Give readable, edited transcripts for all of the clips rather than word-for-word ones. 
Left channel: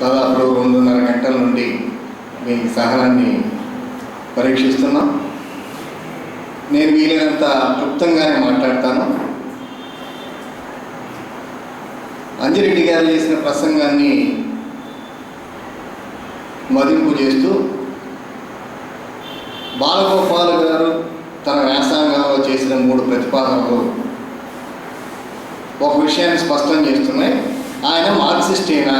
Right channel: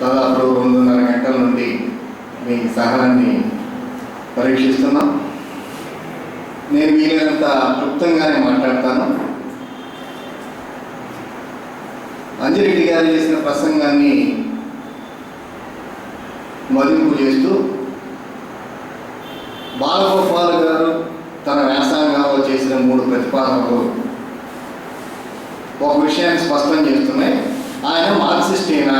దాదాపు 2.5 గంటల నుండి మీ సహనాన్ని పరీక్షిస్తున్నాం. నేను వీలైనంత క్లుప్తంగానే మాట్లాడతాను. అంజిరెడ్డి గారు చేసిన ప్రసంగాన్ని మదింపు చేస్తూ బాలగోపాల్ గారు తన వ్యాసంగంలో చేసిన 3 ప్రతిపాదనలు ఒక విషయాన్ని స్పష్టం చేస్తున్నాయి. ఆయన మార్క్సిస్టేనా?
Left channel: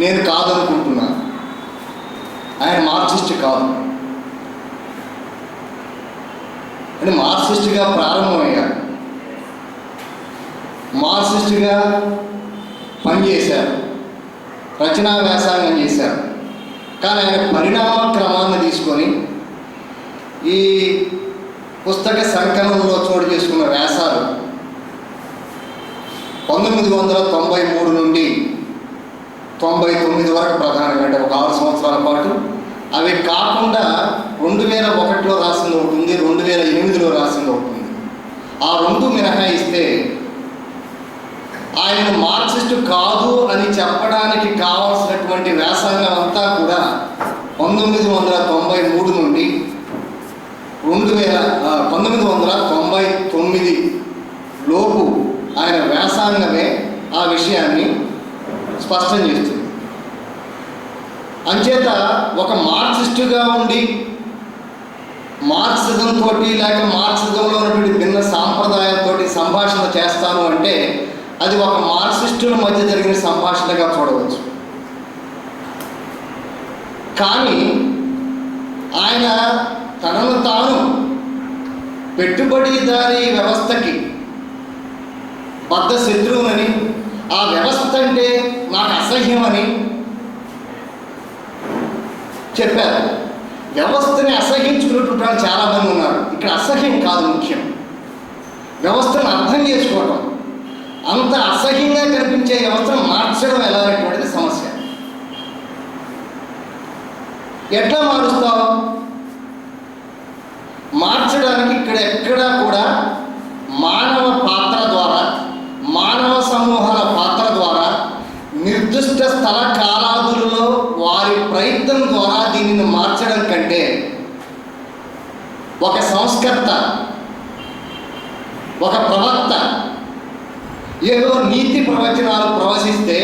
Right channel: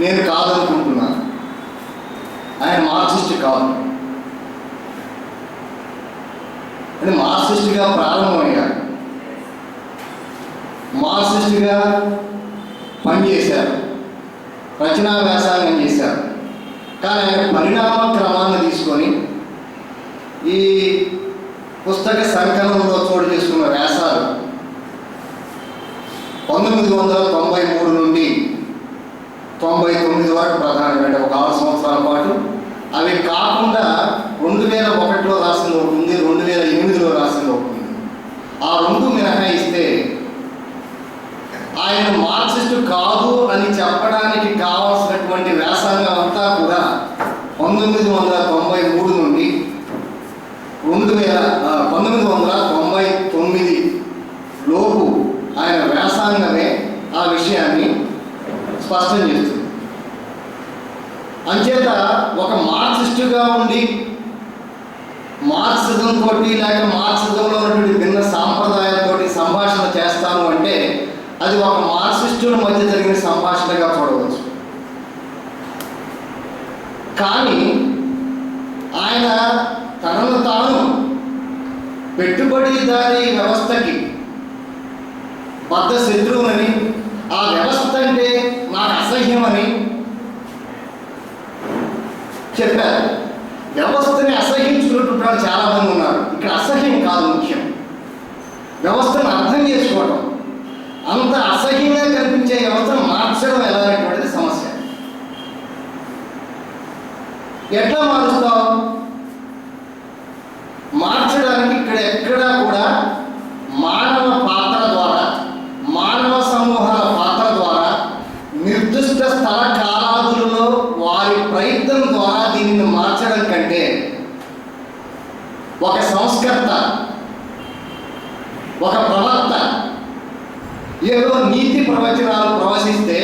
నేను కాదనుకుంటున్నాను. ఆయన మార్క్సిస్ట్ కాదు. అంటే మార్క్సిస్ట్గా ప్రారంభమయ్యారు, మార్క్సిస్ట్గా పనిచేశారు, రచనా వ్యాసంగం చేశారు. కానీ ఆయన పరిణామ క్రమాన్ని తీసుకొని ఈ పుస్తక సంకలనంలో చోటు చేసుకున్న వ్యాసాలు 1993 నుండి 99 వరకు ప్రధానంగా, అంటే ఒక 6 సంవత్సరాల పాటు. అవి కాకుండా 2001లో రాసింది ఒకటి ఉంది, 2008లో రాసింది ఒకటి ఉంది. ఆ 2 మినహాయిస్తే ఆయన మార్క్సిస్టు కాదు అని చెప్పడానికి కావాల్సినటువంటి వ్యాసంగం అంతా కూడా 1993 నుండి 1999 లోపు ఆయన వ్యాసంగమే ఆ విషయాన్ని స్పష్టం చేస్తుంది. అంచేత ఒక మార్క్సిస్టుగా ఉండి మార్క్సిజం తోటి లేక మార్క్సిజంలో ఉన్నటువంటి భిన్న సాంప్రదాయాలతో సంభాషణ చేస్తాను అంటే అది ఒక మార్క్సిస్టుల మధ్య జరిగిన సంభాషణగా చూడవచ్చు. కానీ ఆయన తనను తాను పెట్టుబడిదారీ వ్యవస్థకి బద్ధ శత్రువునని, ఆ వ్యవస్థ అంటే నాకు అసహ్యమని చెప్పారు. వ్యవస్థని అసహ్యించుకున్నటువంటి వాళ్ళు చాలామంది ఉన్నారు. ఇక్కడ అసహ్యం కాదు ముఖ్యం, వ్యవస్థను అర్థం చేసుకోవటం. అంత అసహ్యంగా కనిపించే వ్యవస్థను మార్చడం ఎలా అనేటువంటిది సమస్య. ఎట్లా మారుస్తావు? మార్చడానికి ఇక్కడ ఎక్కడా కూడా మానవ పాత్ర ద్వారా, మానవ సమూహాల పాత్ర ద్వారా, నిర్దిష్ట స్థల కాలాదులలో వారి ప్రయత్నం ద్వారా దీనిని మార్చడం కంటే ఒక సంస్కర్త, ఒక ప్రవక్త ఏదో నీతి ప్రవచనాలు ప్రవశిస్తే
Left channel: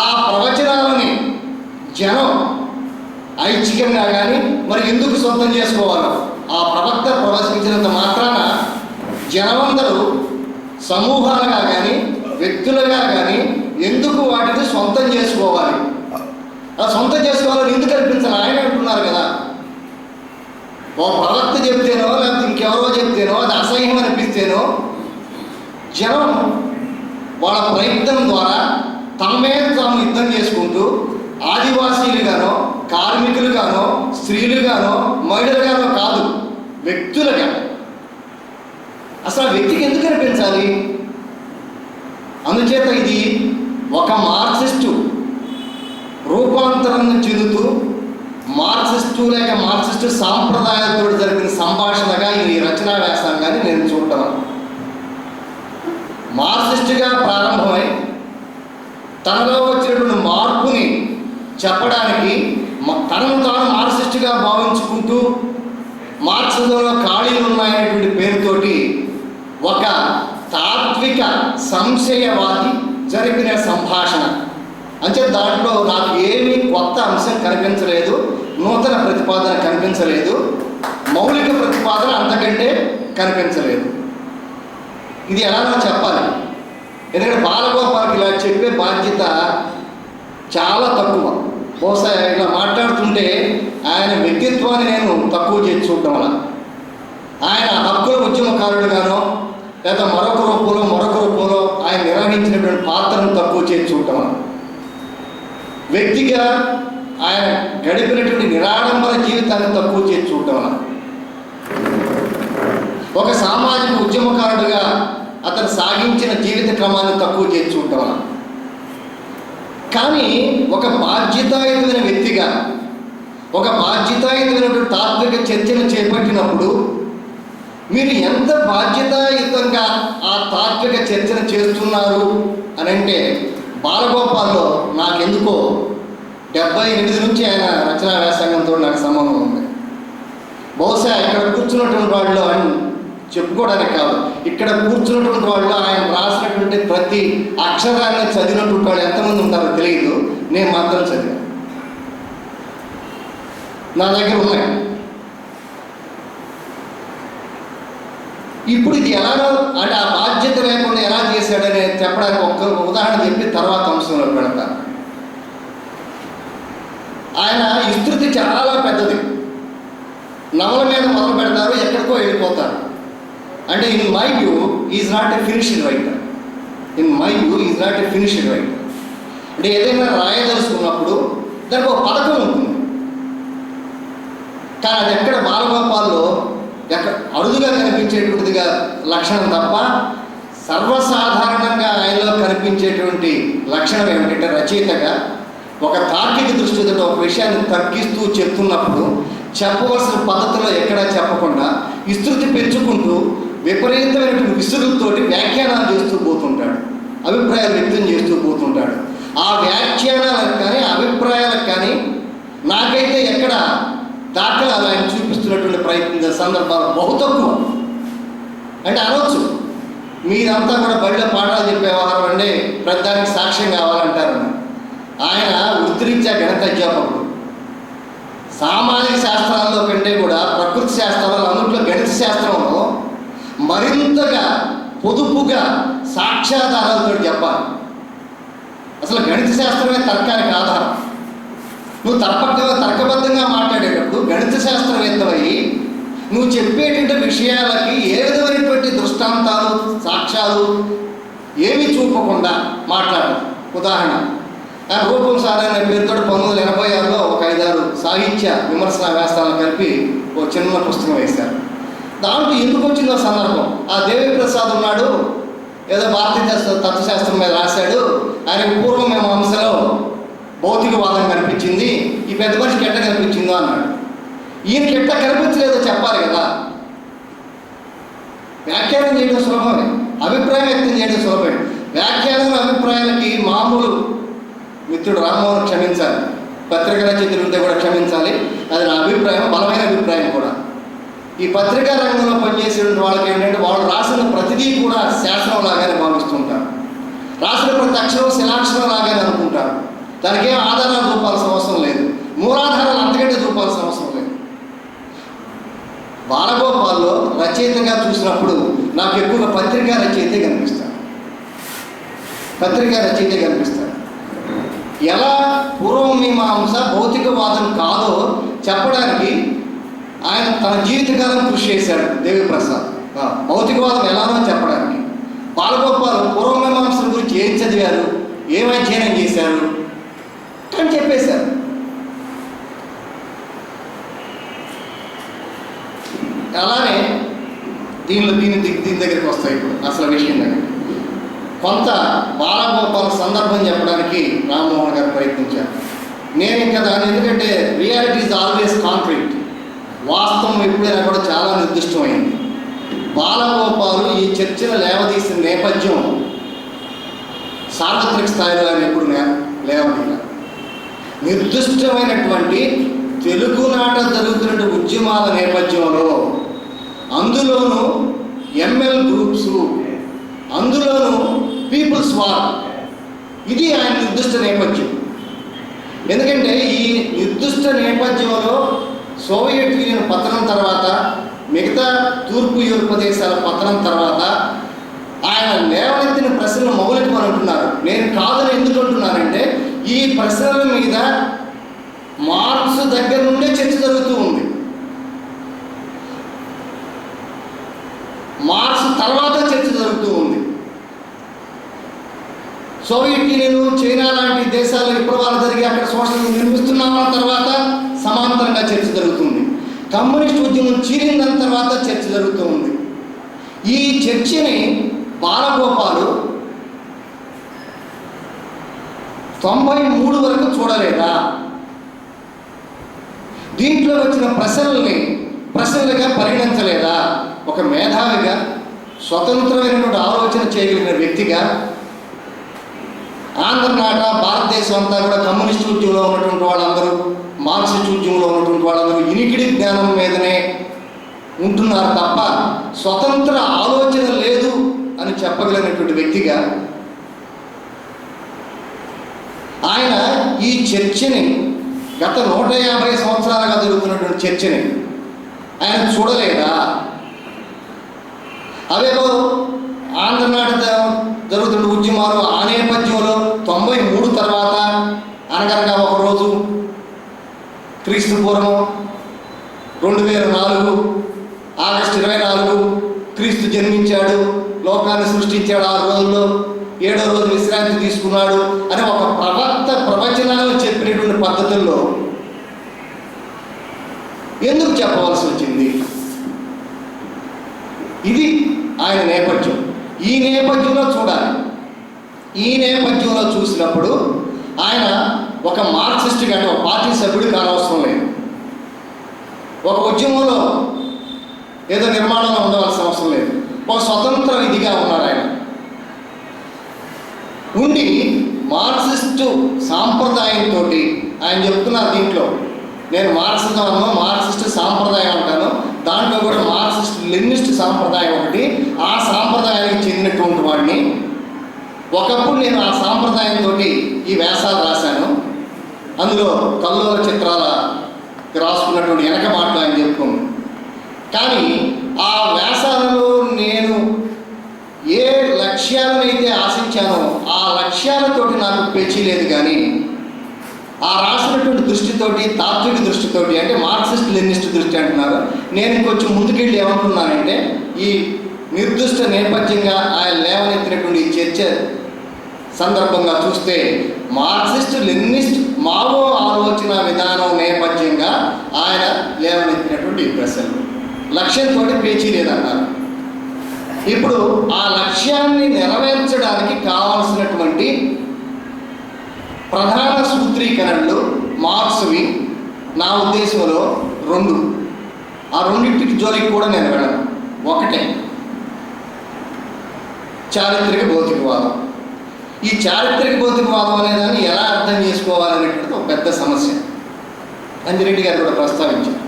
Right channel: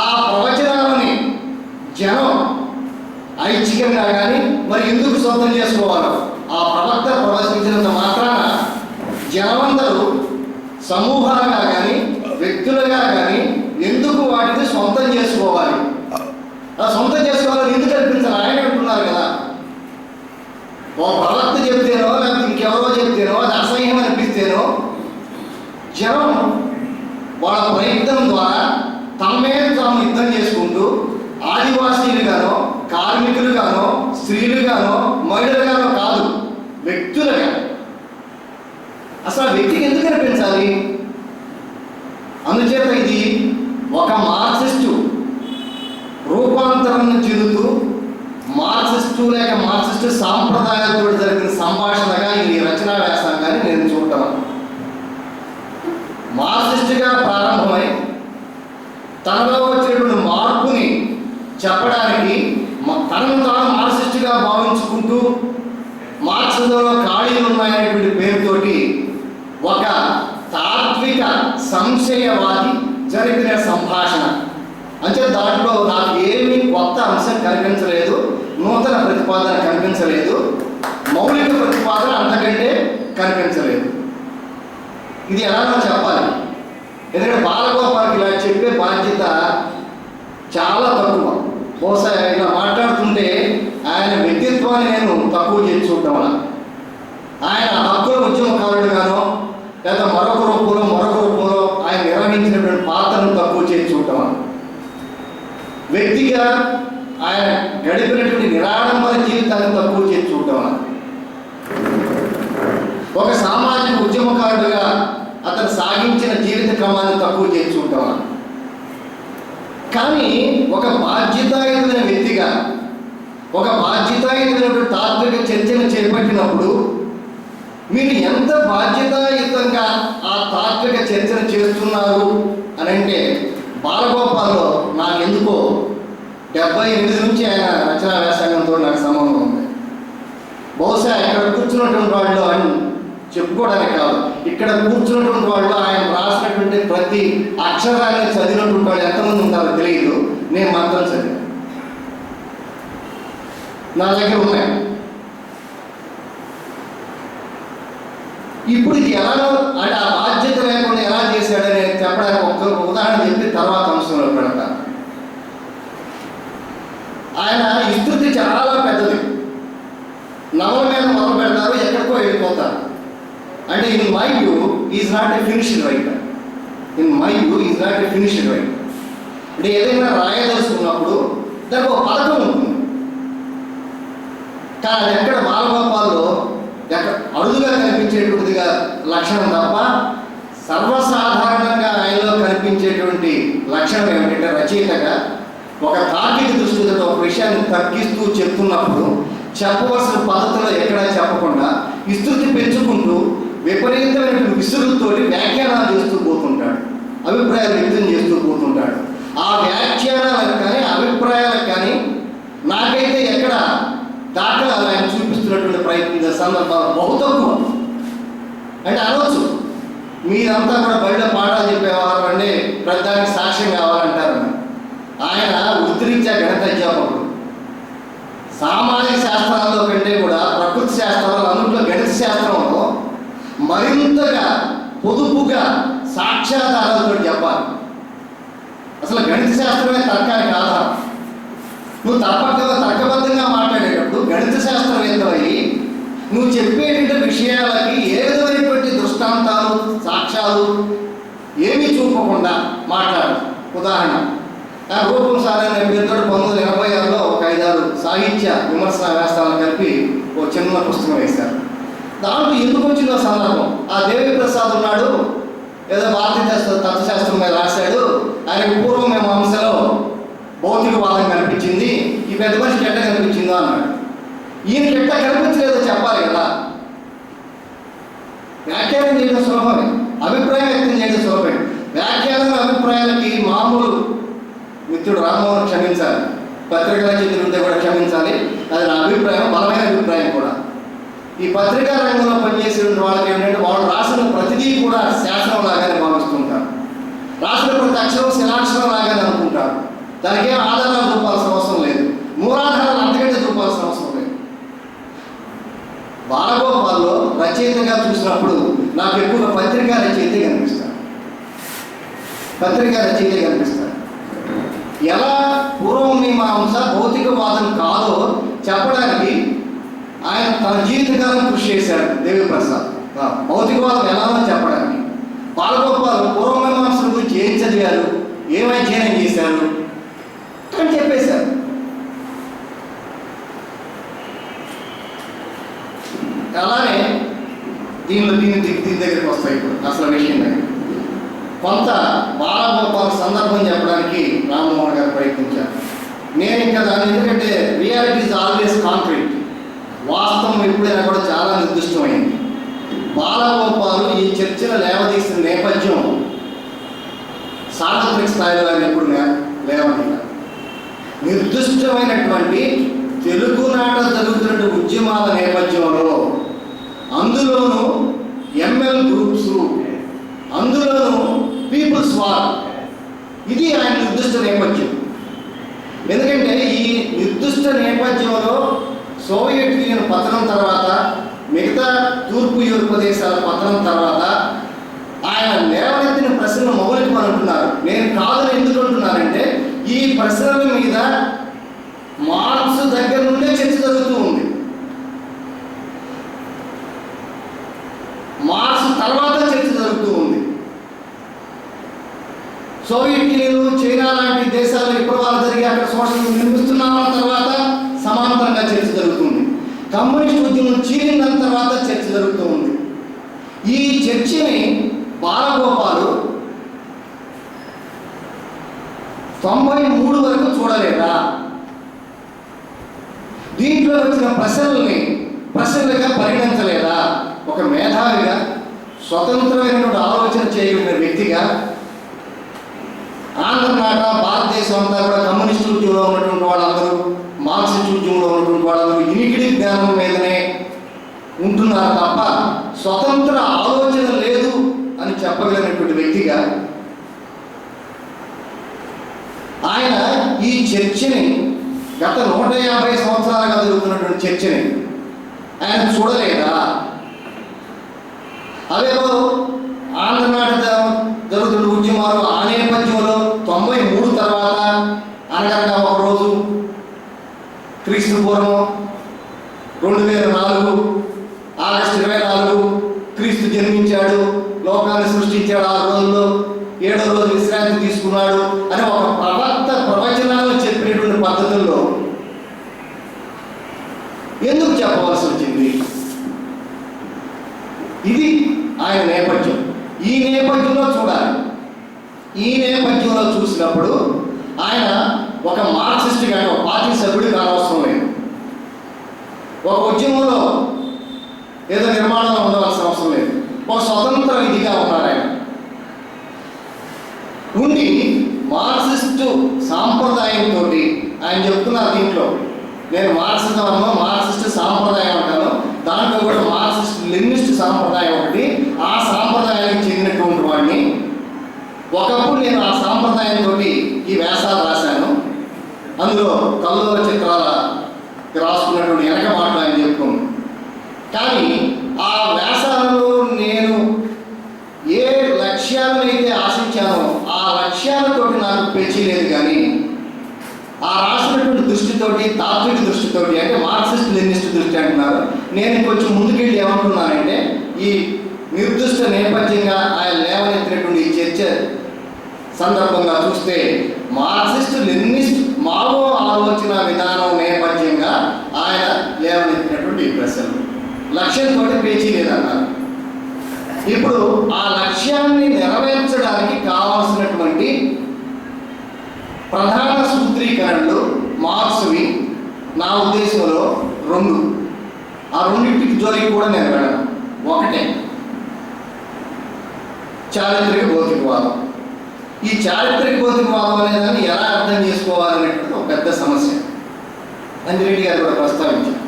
ఆ ప్రవచనాలని జనం ఐచ్ఛికంగా కానీ మరి ఎందుకు సొంతం చేసుకోవాలో, ఆ ప్రవక్త ప్రవశించినంత మాత్రాన జనమందరూ సమూహాలుగా కానీ వ్యక్తులుగా కానీ ఎందుకు వాటిని సొంతం చేసుకోవాలి? ఆ సొంతం చేసుకోవాలని ఎందుకు అనిపించాలి? ఆయన అంటున్నారు కదా, ఓ ప్రవక్త చెప్తేనో లేకపోతే ఇంకెవరో చెప్తేనో అది అసహ్యం అనిపిస్తేనో జనం వాళ్ళ ప్రయత్నం ద్వారా తమ మీద తాము యుద్ధం చేసుకుంటూ ఆదివాసీలుగానో, కార్మికులుగానో, స్త్రీలుగానో, మహిళలుగానో కాదు, వ్యక్తులుగా. అసలు వ్యక్తికి ఎందుకు అనిపించాలి? అందుచేత ఇది ఒక మార్క్సిస్టు రూపాంతరం చెందుతూ మార్క్సిస్టు లేక మార్క్సిస్టు సాంప్రదాయాలతో జరిగిన సంభాషణగా ఈ రచనా వ్యాసంగాన్ని నేను చూడటం. మార్క్సిస్టుగా ప్రారంభమై తనలో వచ్చినటువంటి మార్పుని చెప్పడానికి తనను తాను మార్క్సిస్టుగా భావించుకుంటూ మార్క్సిజంలో ఖాళీలు ఉన్నాయనేటువంటి పేరుతోటి ఒక తాత్విక సంశయవాది జరిపిన సంభాషణ. అంటే దాంట్లో నాకు ఏమీ కొత్త అంశం కనిపించలేదు, నూతన ప్రతిపాదన కనిపించలేదు, మౌలిక ప్రతిపాదన అంతకంటే కనిపించలేదు. ఇది ఎలాగో చెప్పాలి, ఎందుకంటే బాలగోపాల్కి ఇలా చెప్పే బాధ్యత చాలా తక్కువ. బహుశా ఇలా మాట్లాడుతుంటే ఆయన వ్యక్తిత్వాన్ని నేను తక్కువ చేసి చూడటం వల్ల, ఆయన హక్కుల ఉద్యమకారుడుగానో లేదా మరొక రూపంలో ఆయన నిర్వహించినటువంటి పాత్రను తక్కువ చేసి చూడటం వల్ల, వ్యక్తిగా ఆయన గడిపినటువంటి నిరాడంబర జీవితాన్ని తక్కువ చేసి చూడటం వల్ల, ఒక సామాజిక ఉద్యమకారుడుగా అతను సాగించిన జీవిత క్రమాన్ని తక్కువ చేసి చూడటం వల్ల. కానీ ఒక బాధ్యతాయుతమైన వ్యక్తిగా, ఒక బాధ్యతాయుతమైనటువంటి తాత్విక చర్చను చేపట్టినప్పుడు మీరు ఎంత బాధ్యతాయుతంగా ఆ తాత్విక చర్చను చేస్తున్నారు అని అంటే, బాలగోపాల్లో నాకెందుకో 78 నుంచి ఆయన రచనా వ్యాసంగంతో నాకు సంబంధం ఉంది. బహుశా ఇక్కడ కూర్చున్నటువంటి వాళ్ళు అని చెప్పుకోవడానికి కాదు, ఇక్కడ కూర్చున్నటువంటి వాళ్ళు ఆయన రాసినటువంటి ప్రతి అక్షరాన్ని చదివినటువంటి వాళ్ళు ఎంతమంది ఉంటారో తెలియదు. నేను మాత్రం చదివాను, నా దగ్గర ఉన్నాయి. ఇప్పుడు ఇది ఎలానో అంటే ఆ బాధ్యత లేకుండా ఎలా చేశాడని చెప్పడానికి ఒక్క ఉదాహరణ చెప్పి తర్వాత అంశంలో పెడతాను. ఆయన విస్తృతి చాలా పెద్దది. నవల మీద మొదలు పెడతారు, ఎక్కడికో వెళ్ళిపోతారు. అంటే in my view is not a finished writer. అంటే ఏదైనా రాయదలుచుకున్నప్పుడు దానికి ఒక పథకం ఉంటుంది. కానీ అది ఎక్కడ బాలగోపాల్లో ఎక్కడ అరుదుగా కనిపించేటువంటిదిగా లక్షణం తప్ప, సర్వసాధారణంగా ఆయనలో కనిపించేటువంటి లక్షణం ఏమిటంటే, రచయితగా ఒక తార్కిక దృష్టితో ఒక విషయాన్ని తగ్గిస్తూ చెప్తున్నప్పుడు చెప్పవలసిన పద్ధతిలో ఎక్కడా చెప్పకుండా విస్తృతి పెంచుకుంటూ విపరీతమైనటువంటి విసురులతోటి వ్యాఖ్యానాలు చేస్తూ పోతుంటాడు, అభిప్రాయాలు వ్యక్తం చేస్తూ పోతుంటాడు. ఆ వ్యాఖ్యానాలకు కానీ అభిప్రాయాలకు కానీ నాకైతే ఎక్కడ దాఖలాలు ఆయన చూపిస్తున్నటువంటి ప్రయత్న సందర్భాలు బహు తక్కువ. అంటే అనవచ్చు, మీరంతా కూడా బడిలో పాఠాలు చెప్పేవారు అంటే ప్రతిదానికి సాక్ష్యం కావాలంటారు. ఆయన వృత్తిరీత్యా గణిత అధ్యాపకుడు. సామాజిక శాస్త్రాల్లో కంటే కూడా ప్రకృతి శాస్త్రాలు అన్నింటిలో గణిత శాస్త్రంలో మరింతగా పొదుపుగా సాక్ష్యాధారాలతో చెప్పాలి. అసలు గణిత శాస్త్రమే తర్కానికి ఆధారం. నువ్వు తర్కబద్ధంగా మాట్లాడేటప్పుడు గణిత శాస్త్రవేత్తమై నువ్వు చెప్పేటువంటి విషయాలకి ఏ విధమైనటువంటి దృష్టాంతాలు సాక్ష్యాలు ఏమీ చూపకుండా మాట్లాడు. ఉదాహరణ, రూపం సార్ అనే పేరుతో 1986లో ఒక 5-6 సాహిత్య విమర్శన వ్యాసాలను కలిపి ఒక చిన్న పుస్తకం వేశారు. దాంట్లో ఎందుకు వచ్చిందో సందర్భం, ఆ దేవి ప్రసాద్ ఉన్నాడు, ఏదో భారతీయ తత్వశాస్త్రం మీద రాశాడు, ఆయనకు పూర్వం మేము అంశలో భౌతికవాదం కనిపించింది, ఈ పెద్ద మనిషికి ఎట్ట కనిపించిందో అన్నాడు. ఈయనకి ఎట్లా కనిపించలేదో చెప్పాలి కదా. వ్యాఖ్యానం చేయడం సులభమే, అభిప్రాయం వ్యక్తం చేయడం సులభమే. వ్యాఖ్యానం అభిప్రాయాలకి మామూలు మిత్రుడు రామ్మోహన్ క్షమించాలి, పత్రికా రచయిత కూడా క్షమించాలి, అది నా అభిప్రాయం, బలమైన అభిప్రాయం కూడా. ఈ పత్రికా రంగంలో పనిచేసే వాళ్ళకి ఏంటంటే, వాళ్ళు రాసిన ప్రతిదీ కూడా శాస్త్రం లాగానే భావిస్తుంటారు, రాసిన ప్రతి అక్షరం శిలాక్షరం లాగానే అనుకుంటారు. దానికి ఏం ఆధారాలు చూపాల్సిన అవసరం లేదు, మూలాధారాలు అంతకంటే చూపాల్సిన అవసరం లేదు. బాలగోపాల్లో రచయితగా చూసినప్పుడు నాకు ఎక్కువగా పత్రికా రచయితే కనిపిస్తాడు. ఎలా పూర్వమీమాంస భౌతికవాదం కాదో చెప్పడానికి ఆయన తన జీవితకాలం కృషి చేశాడు దేవి ప్రసాద్. భౌతికవాదం ఎలానో చెప్పడానికి బాలగోపాల్ పూర్వమీమాంసల గురించి ఏం చదివారు, ఏం అధ్యయనం చేశారు అని చెప్పేశారు. అలానే దీని దగ్గరికి వస్తాయి. ఇప్పుడు అసలు విషయం దగ్గర కొంత బాలగోపాల్ సందర్భం చెప్పడానికి రామ్మోహన్ గారు ప్రయత్నించారు. నేను ఇంకా దాని ఎందుకంటే రియాలిటీ ఈజ్ ఆల్వేస్ కాంక్రీట్, వాస్తవం ఎప్పుడైనా కూడా చాలా నిర్దిష్టమైంది. బాలగోపాలు ఈ చర్చను లేవదీసిన నేపథ్యం సార్వత్రిక స్థాయిలో ఆయన ఎప్పుడు లేవదీయాలి. నిర్దిష్టమైనటువంటి తెలుగునాట జరుగుతున్న ఉద్యమాల నేపథ్యంలో, అందులోనూ ఎంఎల్ గ్రూప్స్, అందులోనూ పీపుల్స్ వార్, ఇది ఆయన నిర్దిష్ట నేపథ్యం. ఎందుకంటే ఈ నిర్దిష్ట నేపథ్యంలో సోవియట్ యూనియన్ పతనం తర్వాత, మిగతా తూర్పు యూరోప్ దేశాల పతనం తర్వాత ఆయన లేవనెత్తిన ప్రశ్నలు మౌలికమని అంటున్నారు. నేను కాదని ఎందుకు అంటున్నానంటే, ఈ ప్రశ్నల మీద మార్క్స్ దగ్గర నుండే చర్చ జరుగుతూ ఉంది. మార్క్స్ తర్వాత చర్చ జరుగుతూ ఉంది. సోవియట్ యూనియన్, చైనా లాంటి దేశాల్లో ఇప్పుడు వాళ్ళు జరిగి అక్కడ సోషలిజం నిర్మిస్తున్నామన్న తర్వాత సమాంతరంగా చర్చ జరుగుతుంది. కమ్యూనిస్ట్ ఉద్యమం చీలిన తర్వాత చర్చ జరుగుతూ ఉంది. ఈ చర్చని బాలగోపాలు 93 వరకు చూడలేదా? దీంట్లో వచ్చిన ప్రశ్నలుగా పరిగణించలేదా? ఒక మేధావిగా, స్వతంత్రమైనటువంటి ఆలోచన చేయగలిగిన వ్యక్తిగా, ఆంధ్రనాట భారతదేశం అంతా కూడా కమ్యూనిస్ట్ ఉద్యమంలో ఉన్నటువంటి వాళ్ళందరూ, మార్క్సిస్ట్ ఉద్యమంలో ఉన్నటువంటి వాళ్ళందరూ ఇనికిడి జ్ఞానం మీదనే ఉంటున్నారు తప్ప స్వతంత్ర ఆలోచన లేదు అని చెప్పగలిగినటువంటి వ్యక్తిగా ఆయన ఈ చర్చని, గత 150 సంవత్సరాలుగా జరుగుతున్నటువంటి చర్చని ఆయన చూడలేదా? అవేవో ఆంధ్రనాట జరుగుతున్న ఉద్యమాలు ఆ నేపథ్యంలో 93 తర్వాత అనగనగా ఒకరోజు క్రీస్తు పూర్వం 2004 ఆగస్టు 24 క్రీస్తు జన్మించాడు, లోకాన్ని సృష్టించాడు, 6 రోజుల్లో 7వ రోజు విశ్రాంతి తీసుకున్నాడు అని ఒక ప్రవచనాలు చెప్పినటువంటి పద్ధతుల్లో ఎందుకు చెప్పవలసి వచ్చింది? ఇది ఆయన నేపథ్యం. ఈ నేపథ్యంలో చూడాలి. ఈ నేపథ్యంలో చూసినప్పుడు ఆయన ఒక మార్క్సిస్ట్ కానీ ఒక పార్టీ సభ్యుడు కానవసరం లేదు. ఒక ఉద్యమంలో ఏదో నిర్మాణంలో ఉండవలసిన అవసరం లేదు. ఒక స్వతంత్ర విధిగా ఉన్నారు ఆయన. ఉండి మార్క్సిస్టు సాంప్రదాయంతో ఆయన చెప్తున్నారు దీంట్లో, నేను మార్క్సిజం అన్నా, మార్క్సిస్ట్ సాంప్రదాయం అంటాను, దాంట్లో కూడా మార్క్సిస్ట్ లెనినిస్ట్ సాంప్రదాయం ఒకటి, ఆ సాంప్రదాయానికి చెందినటువంటి వాడిని. ఒకప్పుడు నేను ఆ సాంప్రదాయంతో ఈ వ్యాసాలు రాశాను. అందులో కల్లోల చిత్రాల రాసుకున్నటువంటి వెనక మాటలు ఆయన చెప్పుకోండి. కానీ ఆ వ్యాసాలలో నేను ఏ లక్ష్యాలనైతే ఆశించానో ఆ లక్ష్యాలతోటి నాకు పేచీ లేదు. కానీ ఆ రాసినటువంటి దృష్టితోటి, తాత్విక దృష్టితోటి, అంటే మార్క్సిస్ట్ లెనినిస్ట్ దృష్టి అంటున్నారు. నేను కొంచెం ముందుకెళ్ళి ఏమంటున్నానంటే, ఈ నిర్దిష్ట నేపథ్యంగా ఆయన లేవనెత్తినటువంటి చర్చ సందర్భంగా చూస్తే మార్క్సిస్ట్ లెనినిస్ట్ మావో ఆలోచన విధానం నేపథ్యంగా ఆయన లేవనెత్తినటువంటి ప్రశ్నలు లక్ష్యంతో పేచీ లేదన్నారు. ఇప్పుడు ఆ లక్ష్యాన్ని నెరవేర్చడానికి కావాల్సినటువంటి ప్రధాన సూత్రీకరణలు మార్క్స్వి నా ఉద్దేశంలో 2. ఆ రెండింటికి జోలికి కూడా నేను వెళ్ళను. ఒకటే చారిత్రక భౌతికవాదం. ఈ చారిత్రక భౌతికవాదం అనేదాన్ని ఎలా అర్థం చేసుకోవాలనేటువంటిది ఒక పెద్ద సమస్య. అంజిరెడ్డి గారు కూడా ప్రస్తావించారు.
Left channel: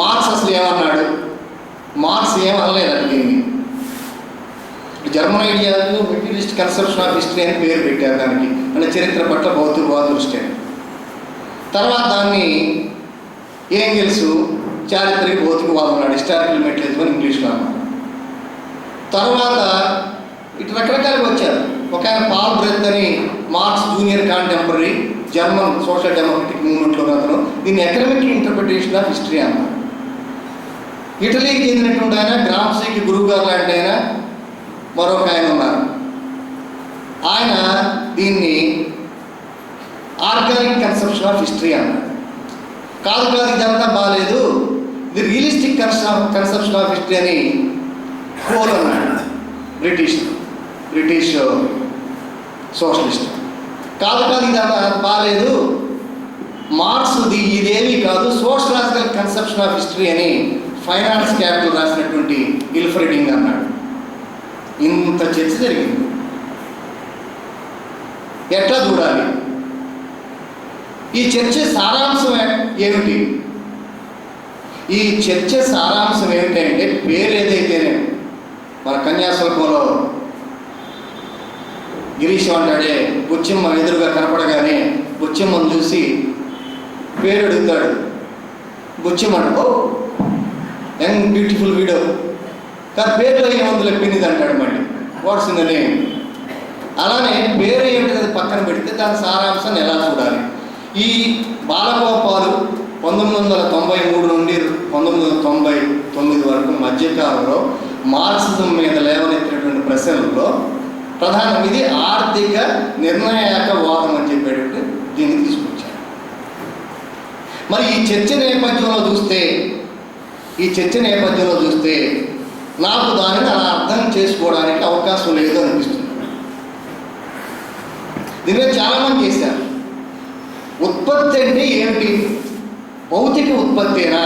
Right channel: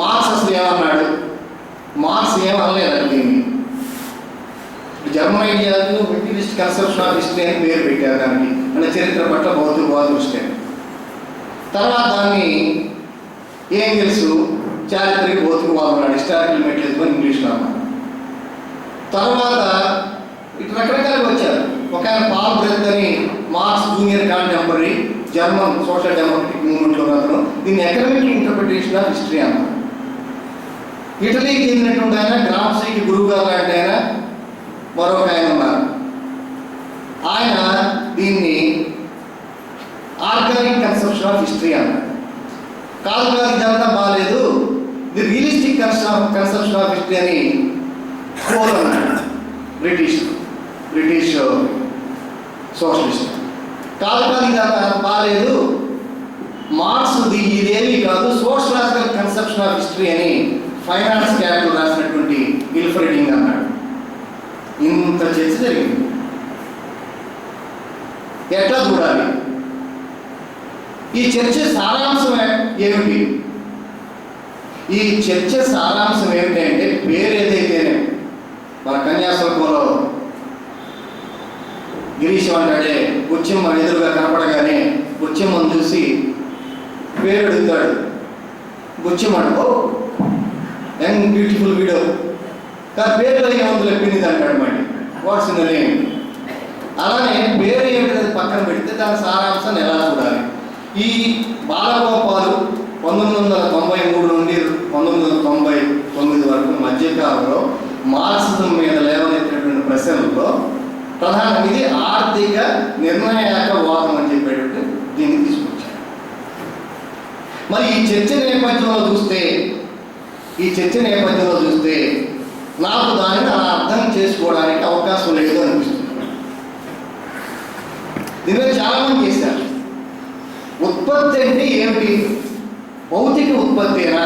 మార్క్స్ అసలు ఏమన్నాడు? మార్క్స్ ఏమనలేదండి దీన్ని. జర్మన్ ఐడియాలు మెటీరియలిస్ట్ కన్సెప్షన్ ఆఫ్ హిస్టరీ అని పేరు పెట్టారు దానికి, అంటే చరిత్ర పట్ల భౌతికవాద దృష్టి అని. తర్వాత దాన్ని ఏంగెల్స్ చారిత్రక భౌతికవాదం అన్నాడు, హిస్టారికల్ మెటీరియలిజం అని ఇంగ్లీష్లో అన్నాడు. తర్వాత ఇటు రకరకాలుగా వచ్చారు. ఒక ఆయన పాల్ బ్రెత్ అని Marx junior contemporary German social democratic మూవ్మెంట్లో అతను దీన్ని ఎకనామిక్ ఇంటర్ప్రిటేషన్ ఆఫ్ హిస్టరీ అన్నారు. ఇటలీకి చెందినటువంటి ఆయన, గ్రామ్సీకి గురువు గారు లాంటి ఆయన మరొక ఆయన ఉన్నారు. ఆయన దీన్ని ఆర్గానిక్ కన్సెప్షన్ ఆఫ్ హిస్టరీ అన్నారు. కాదు ఇదంతా బాగాలేదు, ఇది రియలిస్టిక్ కన్సెప్షన్ ఆఫ్ హిస్టరీ అని కోల్ అన్నాడు. British socialist. కాదు ఇదంతా బాగాలేదు, మార్క్స్ ఇదేమీ కాదు, సోషలాజికల్ కన్సెప్షన్ ఆఫ్ హిస్టరీ అని ఫైనాన్స్ క్యాపిటల్ రాసినటువంటి గిల్ఫ్రెడింగ్ అన్నాడు. ఇంత చర్చ జరిగింది. ఎట్లా చూడాలి? ఈ చర్చ సారాంశం ఏమిటి? ఈ చర్చ సారాంశం ఏమిటంటే, పేరు ఏదైతేనే మన కన్యాశుల్కంలో గిరీశం అంటాడే, బుచ్చిమ్మ ఎదురుగా కనపడగానే బుచ్చిమ్మను చూసి పేరు అడుగుతాడు. బుచ్చిమ్మ ఓ యంగ్ బ్యూటిఫుల్ వీడియో, కానీ పేరులో ఏముంది లెప్పింది అంటాడు. మళ్ళీ వాట్స్ ఇన్ ద నేమ్. అలానే పేరు ఏమిటి పక్కన పెడితే దాని సారాంశాన్ని ఎలా చూడాలి? ఈ బాలగోపాలు 1993 నుండి 1999 వరకు మధ్యకాలంలో మార్క్సిజం మీద లేవనెత్తినటువంటి ప్రశ్నలలో ప్రధానం ఇది ఆర్థిక నిర్ణయాక వాదం అని చెప్పేటట్టు దీన్ని తీసుకొచ్చారు. మరి ఈ చర్చ నేపథ్యంలో చూస్తే నాకు దానిని అలా అర్థం చేసుకోవడానికి అవకాశం లేదు అనిపిస్తుంది. దీని మీద చాలామంది చేశారు. ఉత్పత్తి అంటే ఏమిటి? భౌతిక ఉత్పత్తేనా?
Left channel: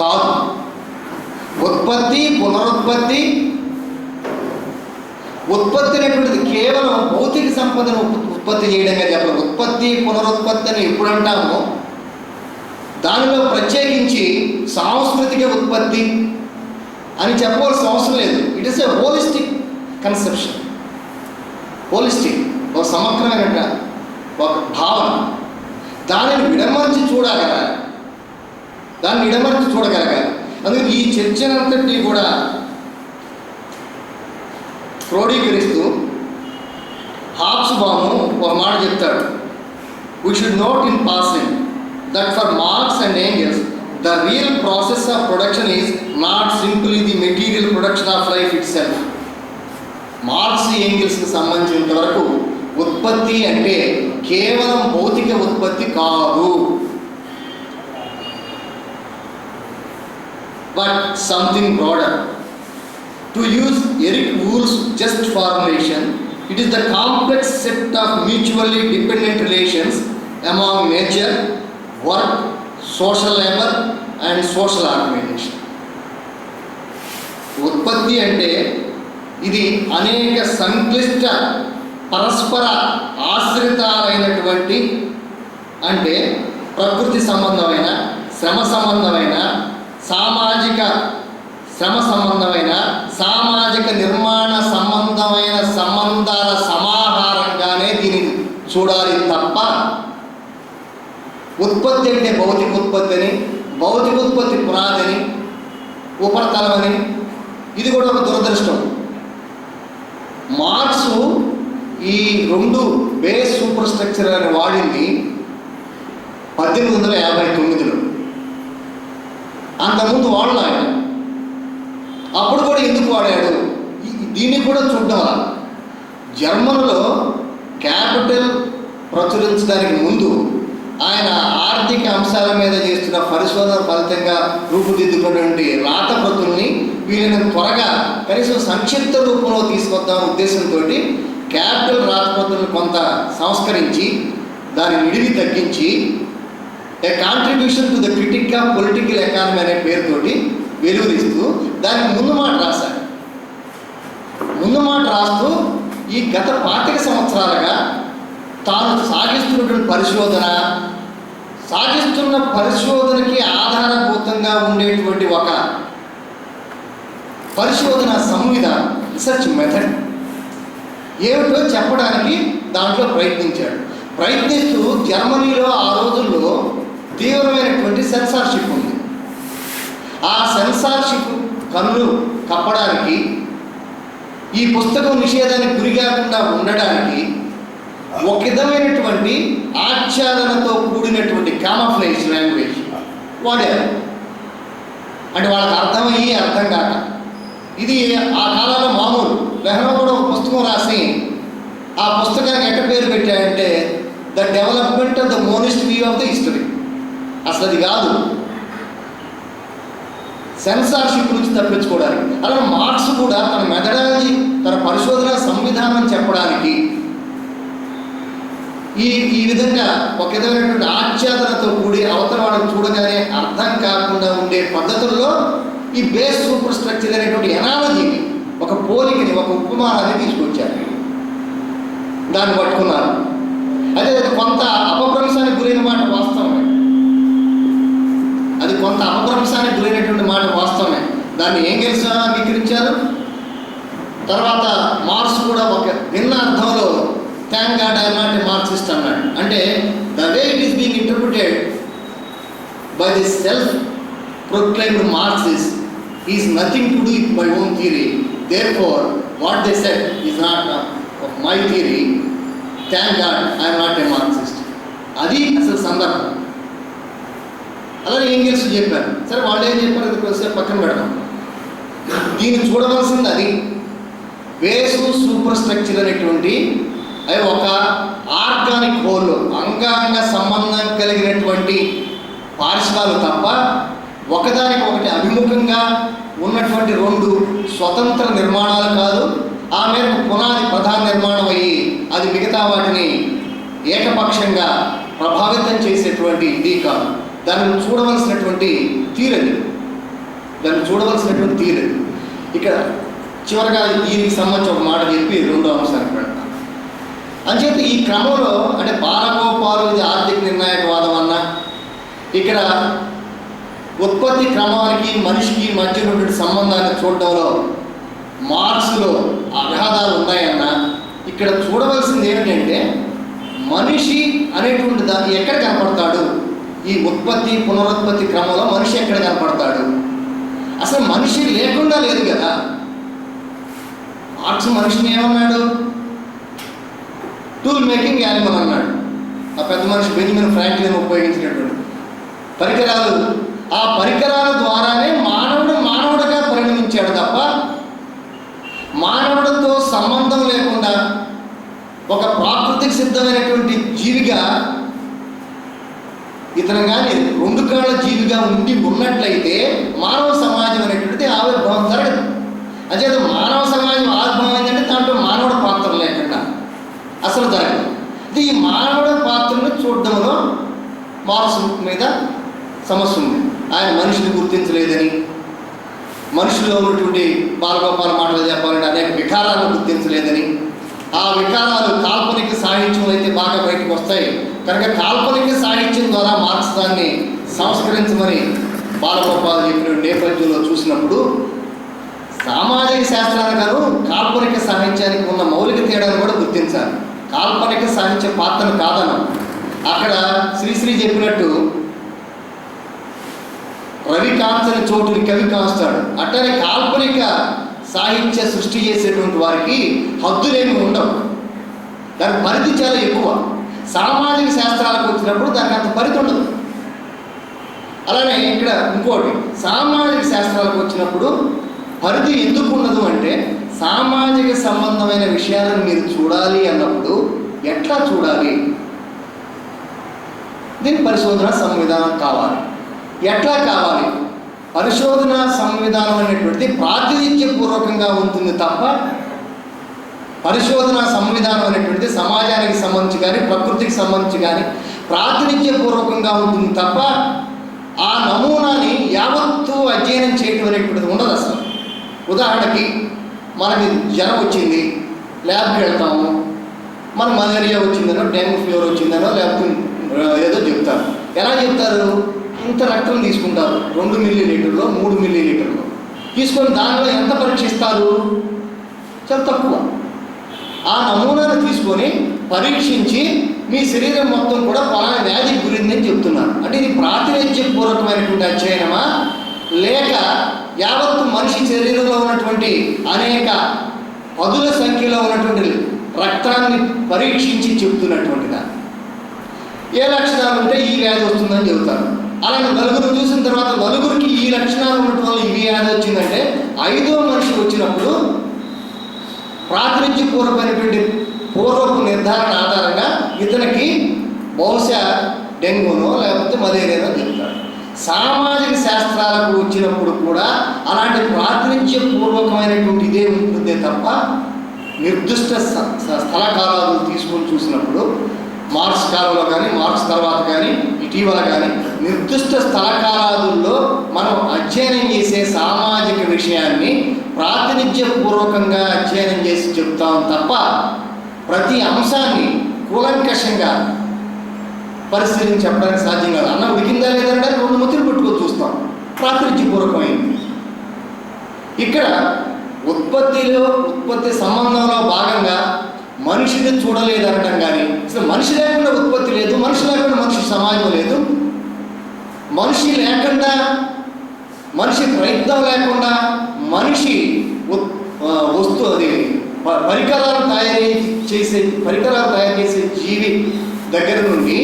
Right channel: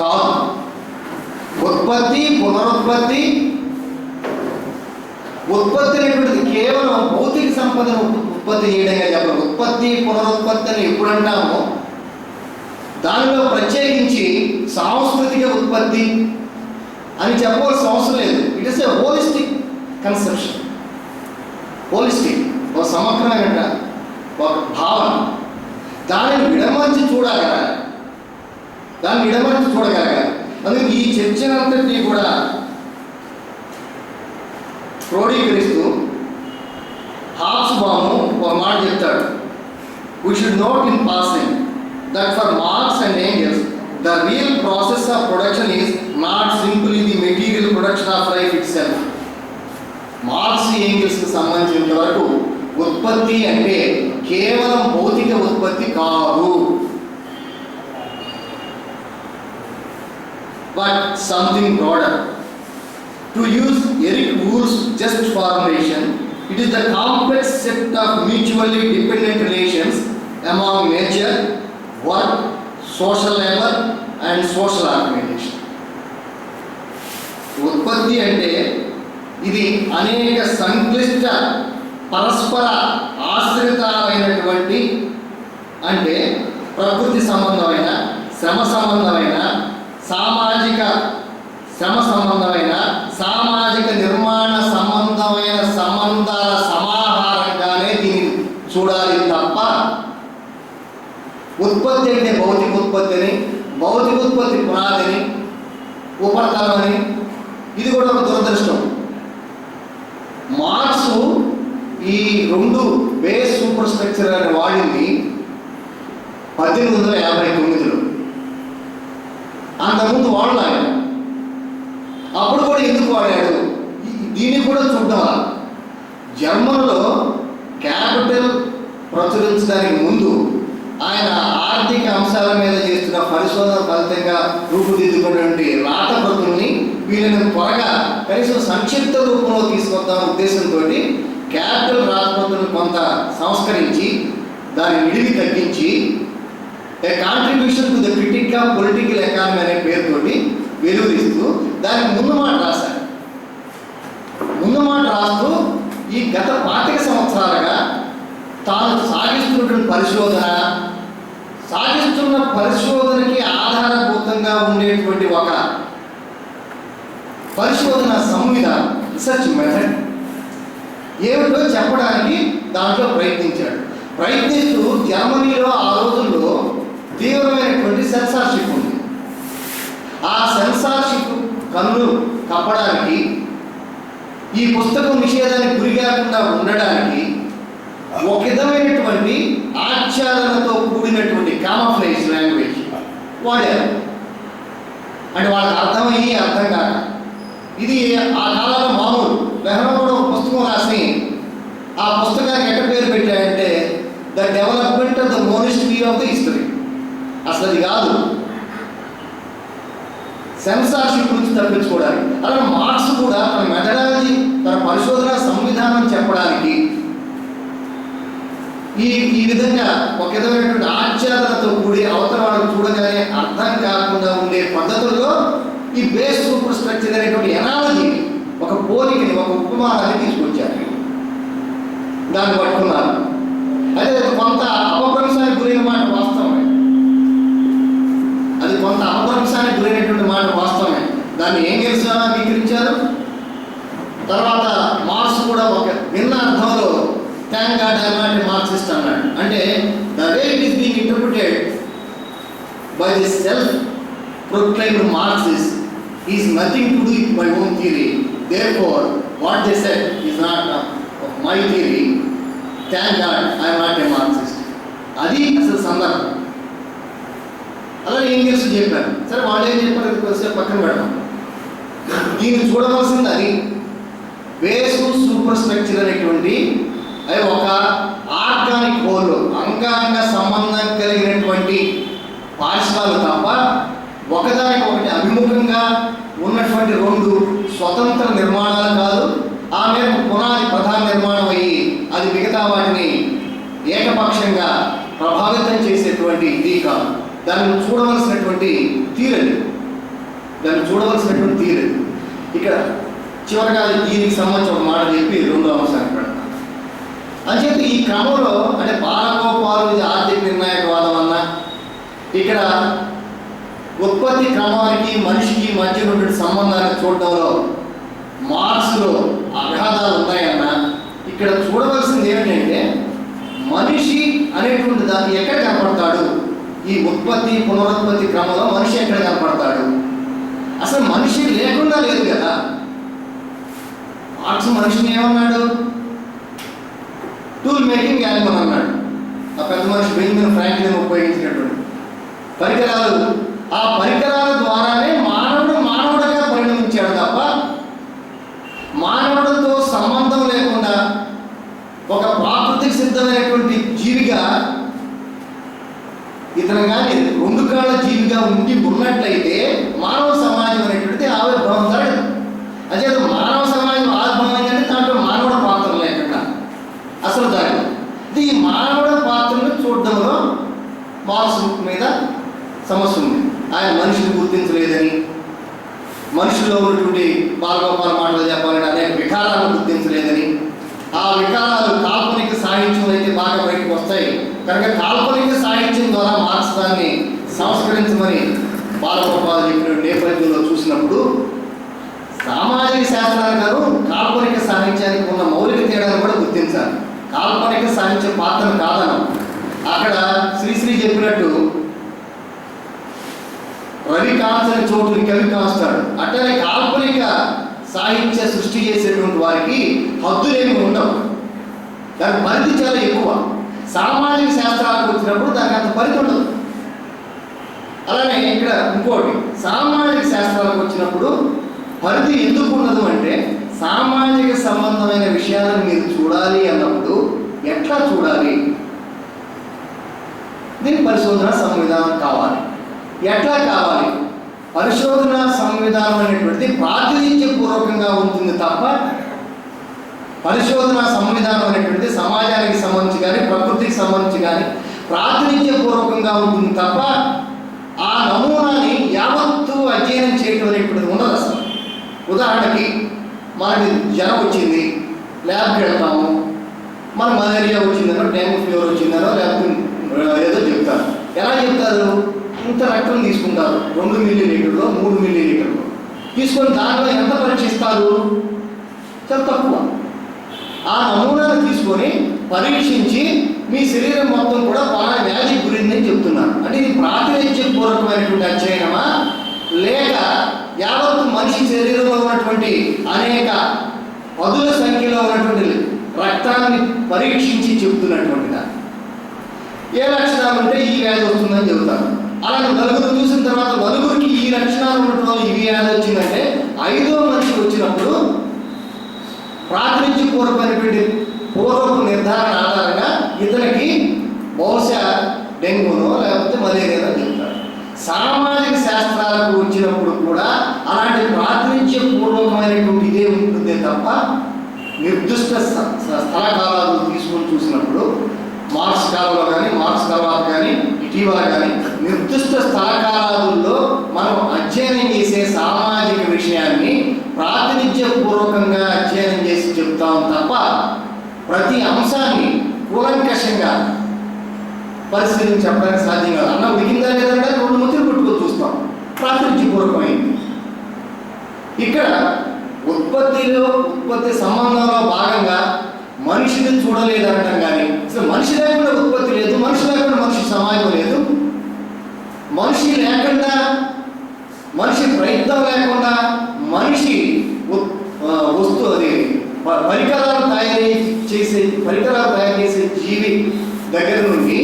కాదు. ఉత్పత్తి, పునరుత్పత్తి. ఉత్పత్తి అనేటువంటిది కేవలం భౌతిక సంపదను ఉత్పత్తి చేయడంగా చెప్పాలి. ఉత్పత్తి పునరుత్పత్తి అని ఎప్పుడు అంటామో దానిలో ప్రత్యేకించి సాంస్కృతిక ఉత్పత్తి అని చెప్పవలసిన అవసరం లేదు. It is a holistic conception. Holistic, ఒక సమగ్రమైన ఒక భావన. దానిని విడమర్చి చూడగలగాలి. అందుకే ఈ చర్చనంతటినీ కూడా క్రోడీకరిస్తూ హాబ్స్బామ్ ఒక మాట చెప్తాడు. We should note in passing that for Marx and Engels, the real process of production is not simply the material production of life itself. Marx, ఏంగెల్స్కి సంబంధించినంత వరకు ఉత్పత్తి అంటే కేవలం భౌతిక ఉత్పత్తి కాదు, but something broader. To use Eric Wooll's just formulation, it is the complex set of mutually dependent relations among nature, work, social labor and social organization. ఉత్పత్తి అంటే ఇది అనేక సంక్లిష్ట పరస్పర ఆశ్రితాలైనటువంటి, అంటే ప్రకృతి సంబంధమైన, శ్రమ సంబంధమైన, సామాజిక శ్రమ సంబంధమైన, సామాజిక నిర్మాణ సంబంధమైన సంబంధాల సమాహారంగానే దీన్ని చూడాలి తప్ప ఉత్పత్తి అంటే భౌతిక ఉత్పత్తి అని, భౌతిక ఉత్పత్తి పునాదని, ఉపరితలం అని, ఇది కూడా ఒక దురదృష్టం. మార్క్స్ ఈ రెండు బేస్ సూపర్ స్ట్రక్చర్ అని వాడింది 1859లో. అంతకుముందు వాడలే ఆయన. అప్పుడు కూడా ఎందుకు వాడాడు, దీన్ని కూడా చూద్దాం. జర్మన్లో క్యాపిటల్ ప్రచురించడానికి ముందు ఆయన ఆర్థిక అంశాల మీద చేస్తున్న పరిశోధన ఫలితంగా రూపుదిద్దుకున్నటువంటి రాతప్రతుల్ని వీళ్ళని త్వరగా కనీసం సంక్షిప్త రూపంలో తీసుకొద్దాం ఉద్దేశంతో క్యాపిటల్ రాతప్రతులను కొంత సంస్కరించి దాని నిడివి తగ్గించి a contribution to the critique of political economy అనే పేరుతోటి వెలువరిస్తూ దానికి ముందు మాట రాశారు. ముందు మాట రాస్తూ ఈ గత 25 సంవత్సరాలుగా తాను సాగిస్తున్నటువంటి పరిశోధనకి ఆధారభూతంగా ఉండేటువంటి ఒక పరిశోధన సంవిధానం, రీసెర్చ్ మెథడ్ ఏమిటో చెప్పడానికి దాంట్లో ప్రయత్నిస్తూ జర్మనీలో ఆ రోజుల్లో తీవ్రమైనటువంటి సెన్సార్షిప్ ఉంది. ఆ సెన్సార్షిప్ కన్నులు కప్పడానికి, ఈ పుస్తకం నిషేధానికి గురికాకుండా ఉండడానికి ఒక విధమైనటువంటి ఆచ్ఛాదనతో కూడినటువంటి కామఫ్లేజ్ లాంగ్వేజ్ వాడారు. అంటే వాళ్ళకి అర్థమయ్యి అర్థం కాక. ఇది ఆ కాలంలో మామూలు. లెహ్రా కూడా ఒక పుస్తకం రాసి ఆ పుస్తకానికి ఎట్ట పేరు పెట్టాడంటే the development of the monist view of the history. అసలు అది కాదు, సెన్సార్షిప్ నుంచి తప్పించుకోవడానికి. అలా మార్క్స్ కూడా తన మెథడాలజీ, తన పరిశోధన సంవిధానం చెప్పడానికి ఈ విధంగా ఒక విధమైనటువంటి ఆచ్ఛాదనతో కూడి అవతల వాళ్ళని చూడగానే అర్థం కాకుండా ఉండే పద్ధతుల్లో ఈ బేస్ సూపర్ స్ట్రక్చర్ అనేటువంటి ఎనాలజీని, ఒక పోలికని, ఒక ఉపమానాన్ని తీసుకొచ్చారు. దాన్ని పట్టుకున్నారు. అయితే అది కొంత అపభ్రంశానికి గురైన మాట వాస్తవమే. దాన్ని ఏంగెల్స్ అంగీకరించారు. తర్వాత మార్క్స్ కూడా ఒక భిన్న అర్థంలో thank God I am not a Marxist అన్నాడు. అంటే the way it is being interpreted by the self proclaimed Marxist is nothing to do with my own theory, therefore what they said is not of my theory, thank God I am not a Marxist. అది అసలు సందర్భం. అలాగే Engels చెప్పారు. సరే వాళ్ళు ఏం చెప్పారు అది కొద్దిసేపు పక్కన పెడతాం. దీన్ని చూడవలసింది అది బేసు సూపర్ స్ట్రక్చర్ అనేటువంటి అవి ఒక ఆర్గానిక్ హోల్, అంగాంగ సంబంధం కలిగినటువంటి పార్శ్వాలు తప్ప ఒకదానికి ఒకటి అభిముఖంగా ఉన్నటువంటి రెండు స్వతంత్ర నిర్మాణాలు కాదు. ఆ మేరకు పునాది ప్రధాన నిర్మాణం అయ్యి అది మిగతా వాటిని ఏకపక్షంగా ప్రభావితం చేసేటువంటి ఇది కాదు. దాన్ని చూడవలసినటువంటి తీరని దాన్ని చూడవలసినటువంటి తీరు. ఇక్కడ చివరిగా దీనికి సంబంధించి ఒక మాట చెప్పి రెండో అంశానికి పెడతాను. అంచేత ఈ క్రమంలో అంటే బాలగోపాలు ఇది ఆర్థిక నిర్ణాయకవాదం అన్నా, ఇక్కడ ఉత్పత్తి క్రమానికి మనిషికి మధ్య ఉన్నటువంటి సంబంధాన్ని చూడడంలో మార్క్స్లో అగాధాలు ఉన్నాయన్నా, ఇక్కడ చూడవలసింది ఏమిటంటే మనిషి అనేటువంటి దాన్ని ఎక్కడ కనపడతాడు? ఈ ఉత్పత్తి పునరుత్పత్తి క్రమంలో మనిషి ఎక్కడ కనపడతాడు? అసలు మనిషి లేకుండా లేదు కదా. మార్క్స్ మనిషిని ఏమన్నాడు? టూల్ మేకింగ్ యానిమల్ అన్నాడు. ఆ పెద్ద మనిషి బెంజమిన్ ఫ్రాంక్లిన్ ఉపయోగించినటువంటి పరికరాలు, ఆ పరికరాల ద్వారానే మానవుడు మానవుడిగా పరిణమించాడు తప్ప మానవుడితో సంబంధం లేకుండా ఒక ప్రాకృతిక సిద్ధమైనటువంటి జీవిగా ఇతను కానీ రెండు కాళ్ళ జీవిగా ఉన్నట్లయితే మానవ సమాజం అనేటువంటిది ఆవిర్భావం జరగదు. అచేత మానవ సమాజం ఆవిర్భావం ఏంటంటే దాంట్లో మానవుడి పాత్ర లేకుండా అసలు జరగదు. ఇది ఈ మానవుడి పాత్రను చూడడంలో మార్క్స్ మీద సమస్య ఉంది. ఆయన మనిషిని గుర్తించలేదని, మనుషుల్లో ఉన్నటువంటి బాలగోపాల మాటలు చెప్పాలంటే అనేక వికారాలను గుర్తించలేదని, ఆ వికారాలు కాల్పనిక సాహిత్యం అయితే బాగా బయటకు వస్తాయి కనుక కాల్పనిక సాహిత్యం ద్వారా మార్క్స్ దాన్ని సంస్కరించమని బాలగోపాల్ చెప్పిన నేపథ్యంలో చూసినప్పుడు సామాజిక శాస్త్రాలకు కాల్పనిక సాహిత్యానికి ఉన్న మౌలిక తేడాను కూడా గుర్తించాలి. కాల్పనిక సాహిత్య పాత్రను కాదనం. అక్కడ శ్రీశ్రీ చెప్పినట్టు రవి కాంచని చోటుని కవి కాస్తాడు. అట్టనే కాల్పనిక సాహిత్య సృష్టి చేసేటువంటి వారికి హద్దులేమి ఉండవు, దాని పరిధి చాలా ఎక్కువ. సామాజిక శాస్త్రాలకు వచ్చినప్పుడు దానికి అంత పరిధి ఉండదు. అలానే ఇక్కడ ఇంకోటి, సామాజిక శాస్త్రాలకు వచ్చినప్పుడు పరిధి ఎందుకు ఉండదు అంటే సామాజిక సంబంధమైన విషయాలను మీరు చూడాలి అన్నప్పుడు ఎట్లా చూడాలి? దీని పరిశోధన సంవిధానం కావాలి. ఎట్లా కావాలి? పరిశోధన సంవిధానం అనేటువంటిది ప్రాతినిధ్యపూర్వకంగా ఉంటుంది తప్ప పరిశోధన సంవిధానం అనేటువంటిది సమాజానికి సంబంధించి కానీ ప్రకృతికి సంబంధించి కానీ ప్రాతినిధ్యపూర్వకంగా ఉంటుంది తప్ప ఆ నమూనాని యావత్తు అధ్యయనం చేయటం అనేటువంటిది ఉండదు అసలు. ఉదాహరణకి మనకి జ్వరం వచ్చింది, ల్యాబ్కి వెళ్తాము, మన మలేరియా వచ్చిందనో డెంగ్యూ ఫీవర్ వచ్చిందనో లేకపోతే ఏదో చెప్తారు. ఎలా చెప్తారు? ఇంత రక్తం తీసుకుంటారు, 2 మిల్లీలీటర్లో 3 మిల్లీలీటర్లో తీసుకొని దానిలో ఎంత పరీక్షిస్తారు? చాలా తక్కువ. ఆ నమూనాను తీసుకొని పరీక్షించి మీ శరీరం మొత్తం కూడా పలానా వ్యాధి గురిందని చెప్తున్నారు. అంటే ఇది ప్రాతినిధ్యపూర్వకమైనటువంటి అధ్యయనమా లేక యావత్తు మనిషి శరీరంలో ఉన్నటువంటి అనేక పదుల సంఖ్యలో ఉన్నటువంటి రక్తాన్ని పరీక్షించి చెప్తున్నటువంటిదా? ఏ లక్షణాలు ఉంటే ఈ వ్యాధి వస్తుందని చెబుతారు. అలాగే నలుగురు చూసిన తర్వాత నలుగురికి ఈ లక్షణాలు ఉండటం వల్ల ఈ వ్యాధి వచ్చిందంటే 5వ మనిషి వచ్చినప్పుడు ప్రాతినిధ్యపూర్వకమైనటువంటి పూర్వపు నిర్ధారణ ఆధారంగా ఇతనికి బహుశా డెంగ్యూనో లేకపోతే మలేరియానో చెప్తారు. సామాజిక శాస్త్రాలకు వచ్చినప్పుడు కూడా అలాంటి ప్రాతినిధ్యపూర్వకమైనటువంటి ఇదే ఉంటుందే తప్ప నిర్దిష్ట స్థల కాలాలు తీసుకొని చూసినప్పుడు మార్క్స్ కాలంలో కానీ మార్క్స్ తర్వాత కానీ ఇటీవల కానీ నిర్దిష్ట స్థల కాలాదుల్లో మనం అధ్యయనం చేసే సామాజిక విషయాన్ని ప్రాతినిధ్యపూర్వకంగా అధ్యయనం చేసి చెప్తాం తప్ప ప్రతి అంశాన్ని కూలంకషంగా పరిశీలించి చెప్పడానికి సాధ్యం కాదు. అన్న ఉడికిందా లేదంటే 2 ముద్దులు పుట్టుకొని చూస్తాం, ప్రాతినిధ్యపూర్వకమైంది. ఇక్కడ ఉత్పత్తి సంబంధంలో భాగంగా మనిషిని చూడలేదనడం కానీ అసలు మనిషి లేకుండా ఉత్పత్తి లేదు, మనిషి లేకుండా మనిషి సమాజం లేదు, మనిషి లేకుండా మనిషి ప్రయత్నం లేకుండా మనిషి పరికరాలు తయారు చేసే జీవి దగ్గర నుండి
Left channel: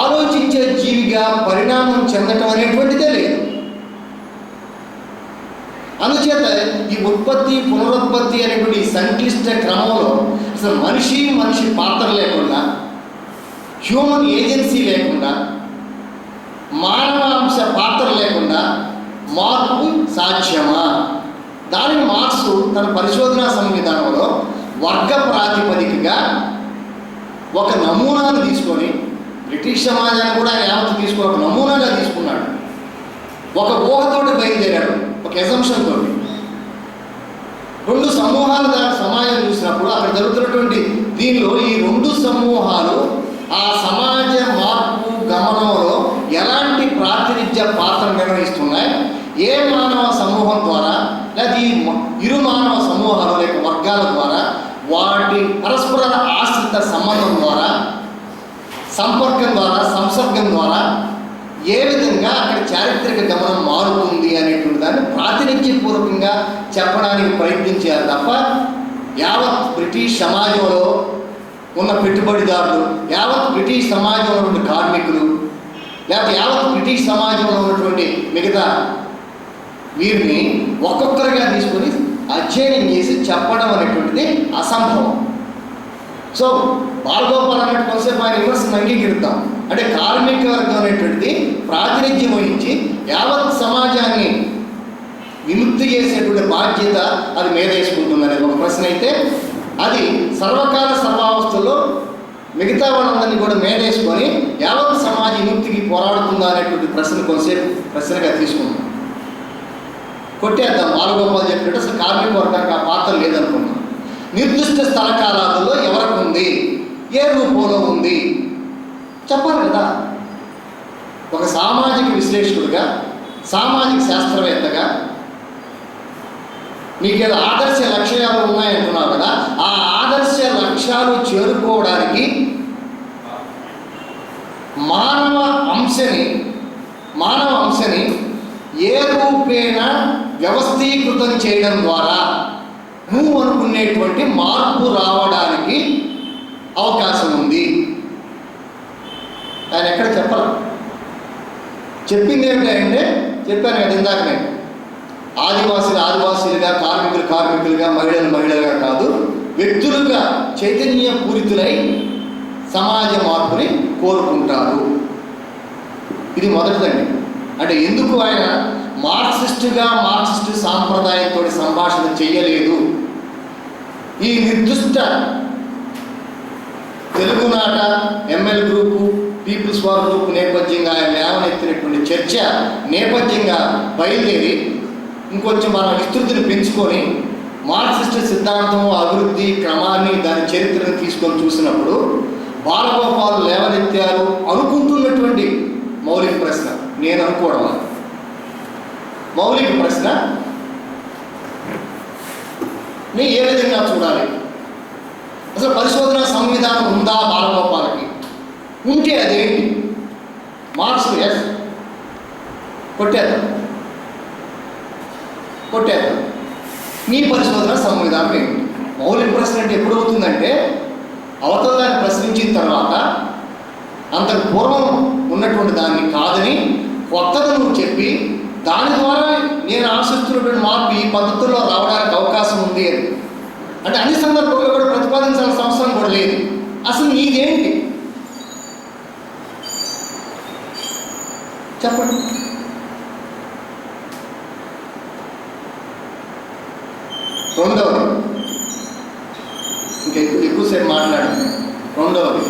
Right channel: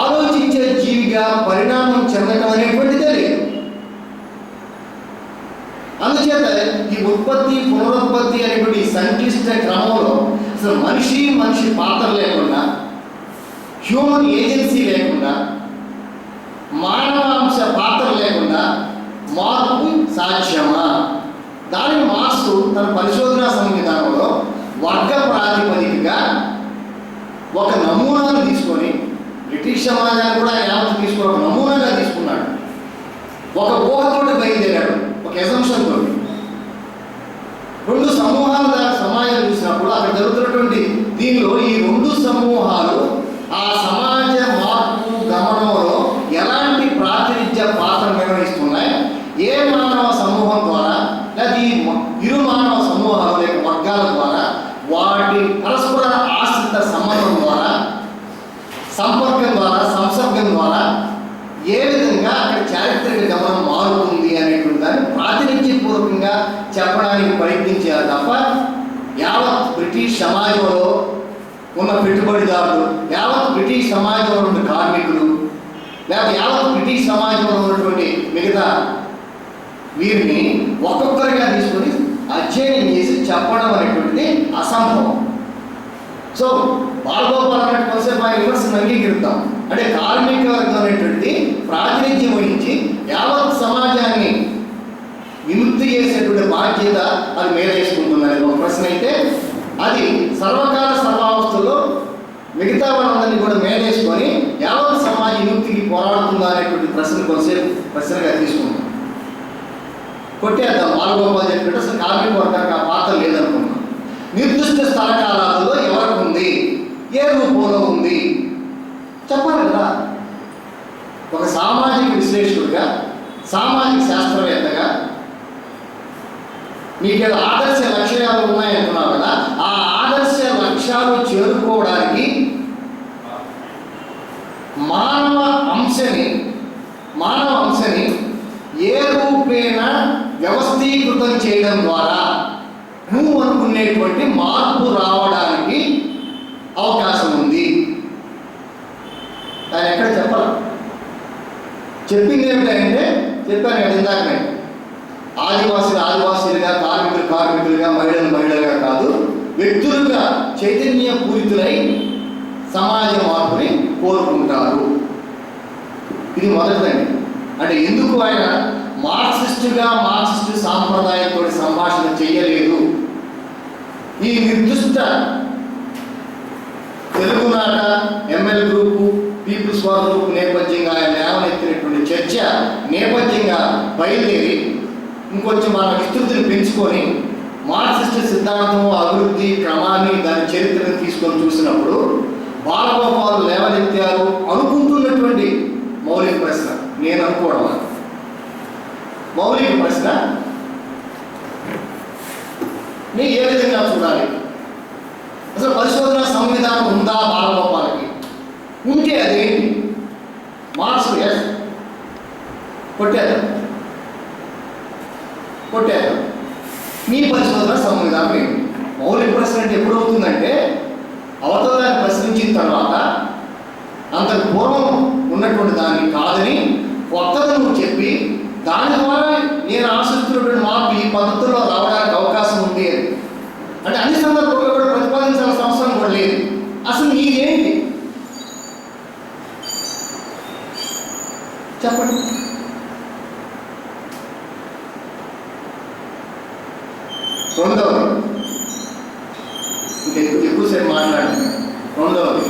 ఆలోచించే జీవిగా పరిణామం చెందటం అనేటువంటిదే లేదు. అందుచేత ఈ ఉత్పత్తి పునరుత్పత్తి అనేటువంటి సంక్లిష్ట క్రమంలో అసలు మనిషి పాత్ర లేకుండా, హ్యూమన్ ఏజెన్సీ లేకుండా, మానవ అంశ పాత్ర లేకుండా మార్పు సాధ్యమా? దానిని మార్క్స్ తన పరిశోధనా సంవిధానంలో వర్గ ప్రాతిపదికగా ఒక నమూనాను తీసుకొని, బ్రిటిష్ సమాజాన్ని కూడా ఆయన యావత్తు తీసుకొని ఒక నమూనాగా తీసుకున్నాడు. ఒక ఊహతోటి బయలుదేరాడు. ఒక ఎజంప్షన్ తోటి రెండు సమూహాలు దాని సమాజం చూసినప్పుడు అక్కడ జరుగుతున్నటువంటి దీనిలో ఈ రెండు సమూహాలు ఆ సమాజ మార్పు గమనంలో ఎలాంటి ప్రాతినిధ్య పాత్ర నిర్వహిస్తున్నాయి, ఏ మానవ సమూహం ద్వారా లేదా ఈ ఇరు మానవ సమూహాలు లేక వర్గాల ద్వారా వాటి పరస్పర ఆశ్రిత సంబంధం ద్వారా సంపర్కం ద్వారా సంసర్గం ద్వారా ఏ విధంగా అక్కడ చారిత్రక గమనం మారుతుంది అనేటువంటి దాన్ని ప్రాతినిధ్యపూర్వకంగా చెప్పడానికి ప్రయత్నించారు తప్ప యావత్ బ్రిటిష్ సమాజంలో ఉన్న పెట్టుబడిదారులు, యావత్ బ్రిటిష్ సమాజంలో ఉన్న కార్మికులు, లేకపోతే యావత్ బ్రిటిష్ సమాజంలో ఉన్నటువంటి మిగతా వీరిని ఒక్కొక్కరిగా తీసుకొని అధ్యయనం చేసి చెప్పడం అనేటువంటిది అసంభవం. సో బాలగోపాల్ అన్నట్టు కొంతసేపు ఆయన విమర్శను అంగీకరిద్దాం. అంటే కార్మిక వర్గం అనేటువంటిది ప్రాతినిధ్యం వహించి యావత్ సమాజాన్ని విముక్తి చేసేటువంటి బాధ్యత అది మీద వేసుకుంటుంది అనేది ఒక ప్రశ్న అయితే, అది సర్వకాల సర్వావస్థల్లో మిగతా వాళ్ళందరినీ కూడా మేనేసుకొని యావత్ సమాజ విముక్తికి పోరాడుతుందా అనేటువంటి ప్రశ్న కొంతసేపు ప్రశ్నగా తీసుకుందాం. కొట్టేద్దాం. బాలగోపాల్ చెప్పినట్టు అసలు కార్మిక వర్గానికి ఆ పాత్ర లేదనుకున్నాం. నిర్దిష్ట స్థల కాలాలలో ఎవరికి ఉంది, ఏ రూపంలో ఉంది చెప్పాలి కదా. ఒక సామాజిక విశ్లేషకుడిగా, సామాజిక శాస్త్రవేత్తగా మీకేదో ఆదర్శ లక్ష్యాలు ఉన్నాయంటున్నావు కదా, ఆ ఆదర్శ లక్ష్యాలు చేరుకోవడానికి మానవ అంశని ఏ రూపేణ వ్యవస్థీకృతం చేయడం ద్వారా నువ్వు అనుకునేటువంటి మార్పు రావడానికి అవకాశం ఉంది. ఆయన ఎక్కడ చెప్పాలి. చెప్పింది ఏమిటంటే చెప్పాను కదా ఇందాక నేను, ఆదివాసీలుగా, కార్మికులుగా, మహిళలుగా కాదు, వ్యక్తులుగా చైతన్య పూరితులై సమాజ మార్పుని కోరుకుంటారు. ఇది మొదటిదండి. అంటే ఎందుకు ఆయన మార్క్సిస్టు సాంప్రదాయంతో సంభాషణ చేయలేదు. ఈ నిర్దిష్ట తెలుగునాట ML group, people's war group నేపథ్యంగా ఆయన లేవనెత్తినటువంటి చర్చ నేపథ్యంగా బయలుదేరి ఇంకొంచెం మన విస్తృతిని పెంచుకొని మార్క్సిస్ట్ సిద్ధాంతం, అభివృద్ధి క్రమాన్ని, దాని చరిత్రను తీసుకొని చూసినప్పుడు బాలగోపాల్ లేవనెత్తారు అనుకుంటున్నటువంటి మౌలిక ప్రశ్న, నేను అనుకోవడం మౌలిక ప్రశ్న ని ఏ విధంగా చూడాలి. అసలు పరిశోధన సంవిధానం ఉందా బాలగోపాలకి? ఉంటే అదేంటి? Marks yes కొట్టేద్దాం. మీ పరిశోధన సంవిధానం ఏంటి? మౌలిక ప్రశ్న అంటే ఎప్పుడు అవుతుందంటే అవతల దాన్ని ప్రశ్నించిన తర్వాత అంతకు పూర్వం ఉన్నటువంటి దాన్ని కాదని కొత్తగా నువ్వు చెప్పి దాని ద్వారా నేను ఆశిస్తున్నటువంటి మార్పు ఈ పద్ధతుల్లో రావడానికి అవకాశం ఉంది అని అంటే అన్ని సందర్భాల్లో కూడా ప్రతిపాదించాల్సిన అవసరం కూడా లేదు. అసలు నీదేంటి చెప్పండి. రెండవది, ఎక్కువసేపు మాట్లాడండి. రెండవది,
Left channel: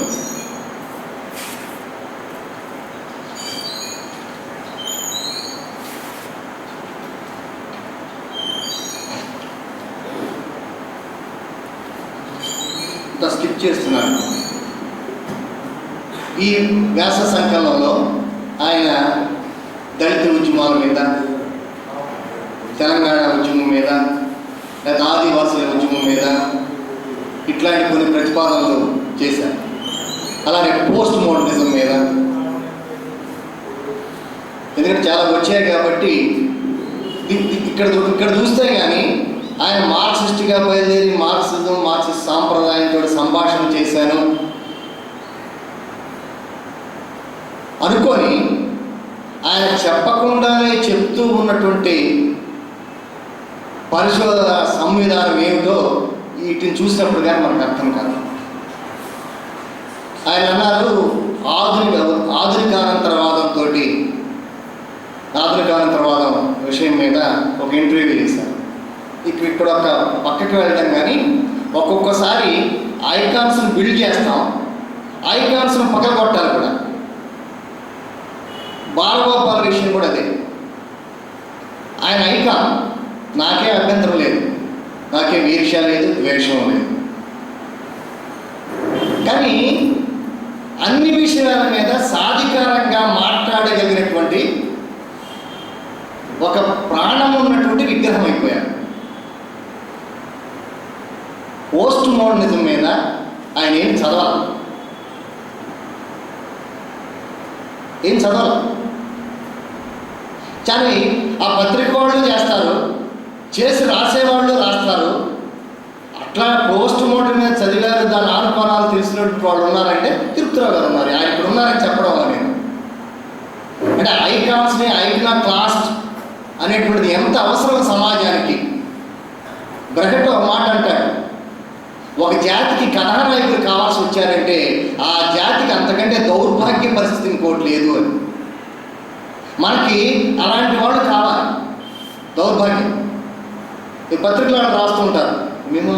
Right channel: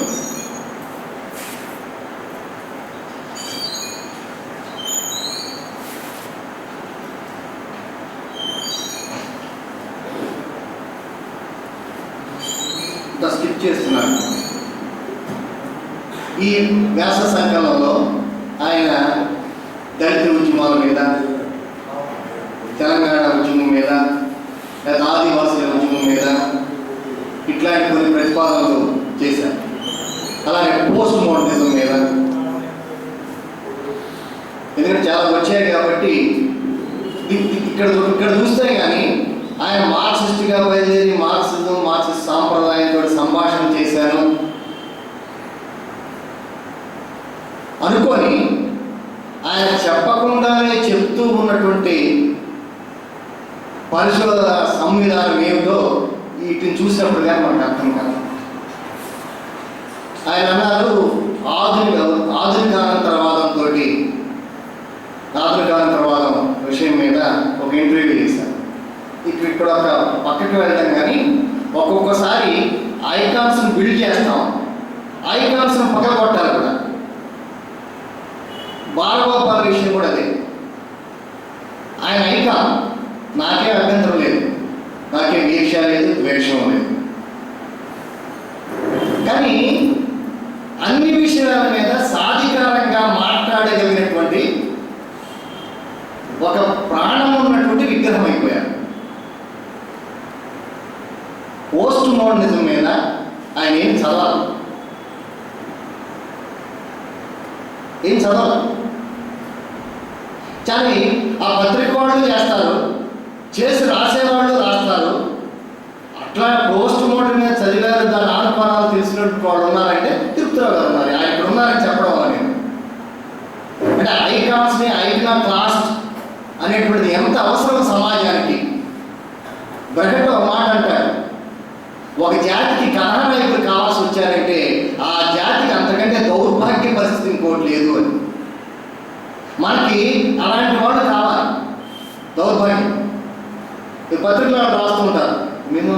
స్కిప్ చేస్తున్నాను. ఈ వ్యాస సంకలనంలో ఆయన దళిత ఉద్యమాల మీద, తెలంగాణ ఉద్యమం మీద, లేదా ఆదివాసీల ఉద్యమం మీద ఇట్లాంటి కొన్ని ప్రతిపాదనలు చేశారు. అలాగే పోస్ట్ మోడర్నిజం మీద, ఎందుకంటే చాలా వచ్చాయి కాబట్టి ఇక్కడ చూస్తే కానీ ఆయన మార్క్సిస్ట్గా బయలుదేరి మార్క్సిస్ట్ సాంప్రదాయంతో సంభాషణ చేశాను అనుకొని ఆయన చెప్పకుండానే చెప్తూ ఉన్నటువంటి పరిశోధన సంవిధానం ఏమిటో వీటిని చూసినప్పుడు కానీ మనకు అర్థం కాదు. ఆయన అన్నారు ఆధునికానంతరవాదం విషయం మీద ఒక ఇంటర్వ్యూ చేశారు. ఇక్కడ ఒక పక్కకి వెళ్తాం కానీ ఒక్కొక్కసారి ఐకాన్స్ని బిల్డ్ చేస్తాం, ఐకాన్స్ని పక్కకొట్టాలి కూడా. బాలగోపాల్ విషయం కూడా అదే. ఆయన ఐకాన్, నాకేం అభ్యంతరం లేదు, నాకేం ఈర్ష్య లేదు, ద్వేషం లేదు. కానీ అన్ని విషయాల మీద సాధికారంగా మాట్లాడగలిగినటువంటి ఒక ప్రాణం ఉన్నటువంటి విగ్రహం అయిపోయారు. పోస్ట్ మోడర్నిజం మీద ఆయన ఏం చదవాలి, కానీ ఆ పత్రిక వాళ్ళు చేస్తారు, చేసి రాసేవాళ్ళు రాస్తారు. అట్లా పోస్ట్ మోడర్న్ మీద చదివారు, దాని ఆనుకోణాలు తెలిసినటువంటి వాళ్ళు ఉన్నారంటే తిరుపతిరావు గారు ఉన్నారు. ఆయన ఇక్కడ ఉన్నారని చెప్పడం వల్ల నేను అంటే ఐకాన్స్ని ఐకానాక్లాస్ట్ అనేటువంటిది ఎంత అవసరం సమాజానికి. బ్రహెట్ ఒక మాట అంటాడు, ఒక జాతికి కథానాయకులు కావాల్సి వచ్చారంటే ఆ జాతికి అంతకంటే దౌర్భాగ్య పరిస్థితి ఇంకోటి లేదు అని. మనకి అలాంటి వాళ్ళు కావాలి. దౌర్భాగ్యం ఈ పత్రికలు రాస్తుంటారు, మేము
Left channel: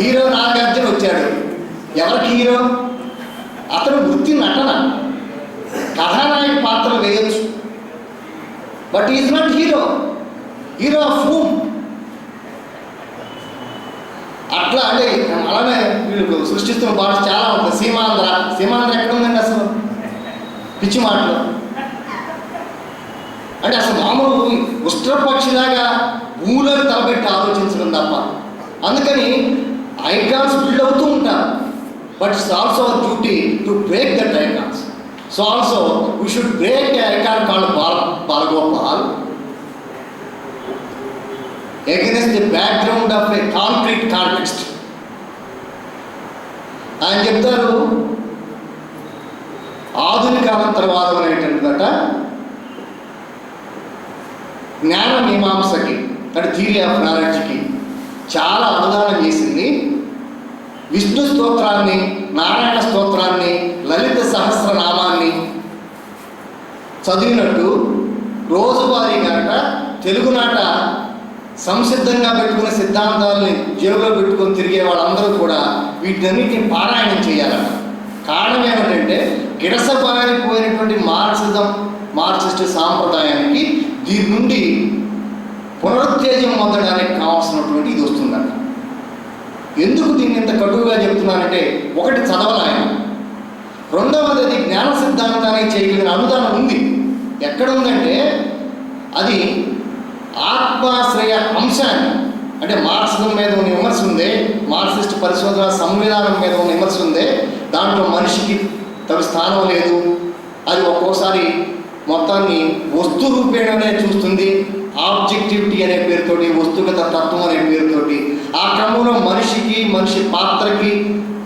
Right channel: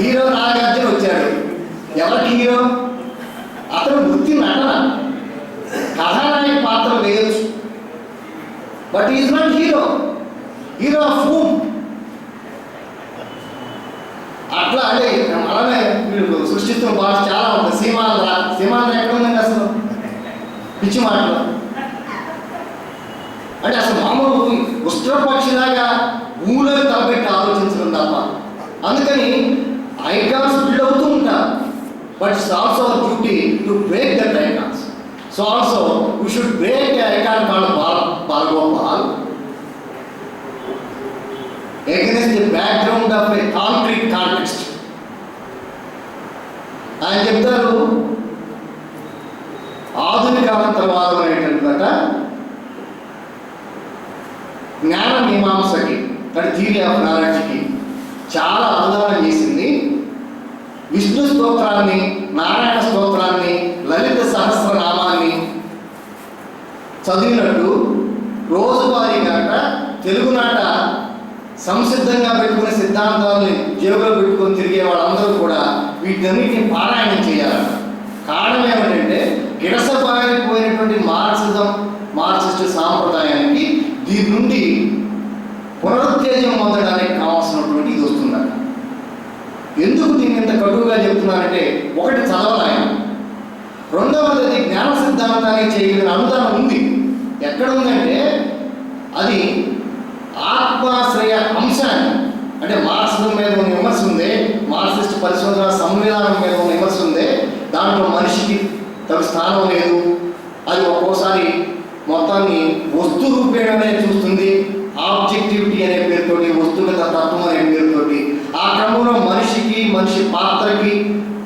హీరో నాగార్జున వచ్చాడు, ఎవరికి హీరో? అతను వృత్తి నటన, కథానాయక పాత్రలు వేయచ్చు, but is not hero. Hero of whom? అట్లా అంటే అలానే వీళ్ళు సృష్టిస్తున్న భాష చాలా ఉంటుంది. సీమాంధ్ర ఎక్కడ ఉందండి అసలు? పిచ్చి మాటలు అంటే అసలు మామూలు ఉష్ట్రపక్షిలాగా ఊళ్ళకి తలపెట్టి ఆలోచించడం తప్ప. అందుకని ఐకాన్స్ బిల్డ్ అవుతూ ఉంటారు, but it's also our duty to break that icons. So also we should break icon called Balagopal against the background of a concrete context. ఆయన చెప్తారు, ఆధునిక అనంతరవాదం అనేటువంటిదట జ్ఞాన మీమాంసకి, అంటే థియరీ ఆఫ్ నాలెడ్జ్కి చాలా అనుదానం చేసింది. విష్ణు స్తోత్రాన్ని, నారాయణ స్తోత్రాన్ని, లలిత సహస్రనామాన్ని చదివినట్టు రోజువారీ గంట తెలుగునాట సంసిద్ధంగా పెట్టుకునే సిద్ధాంతాలని జేబులో పెట్టుకొని తిరిగే వాళ్ళందరూ కూడా వీటన్నిటిని పారాయణం చేయాలట. కారణం ఏమిటంటే గిడసబారిపోయినటువంటి మార్క్సిస్ట్ సాంప్రదాయానికి దీని నుండి పునరుత్తేజం పొందడానికి కావాల్సినటువంటి ఇది వస్తుందట. ఎందుకు దీన్ని ఇంత కటువుగా చెప్తున్నానంటే, ఒకటి చదవలాయన, రెండవది అది జ్ఞాన సిద్ధాంతానికి చేయగలిగిన అనుదానం ఉంది. ఎక్కడ ఉందంటే అది ఆత్మాశ్రయ అంశాన్ని, అంటే మార్క్సిజం మీద ఉన్న విమర్శ ఉందే, మార్క్సిస్ట్ పరిశోధన సంవిధానం మీద ఉన్న విమర్శ ఉందే, దాంట్లో మనిషికి తగు స్థానం లేదు. అది ఒక్కోసారి మొత్తాన్ని వస్తు రూపేణనే చూస్తుంది, ఆబ్జెక్టివిటీ అనే పేరుతోటి, వస్తుగత తత్వం అనే పేరుతోటి. ఆ క్రమంలో మనిషి పాత్రకి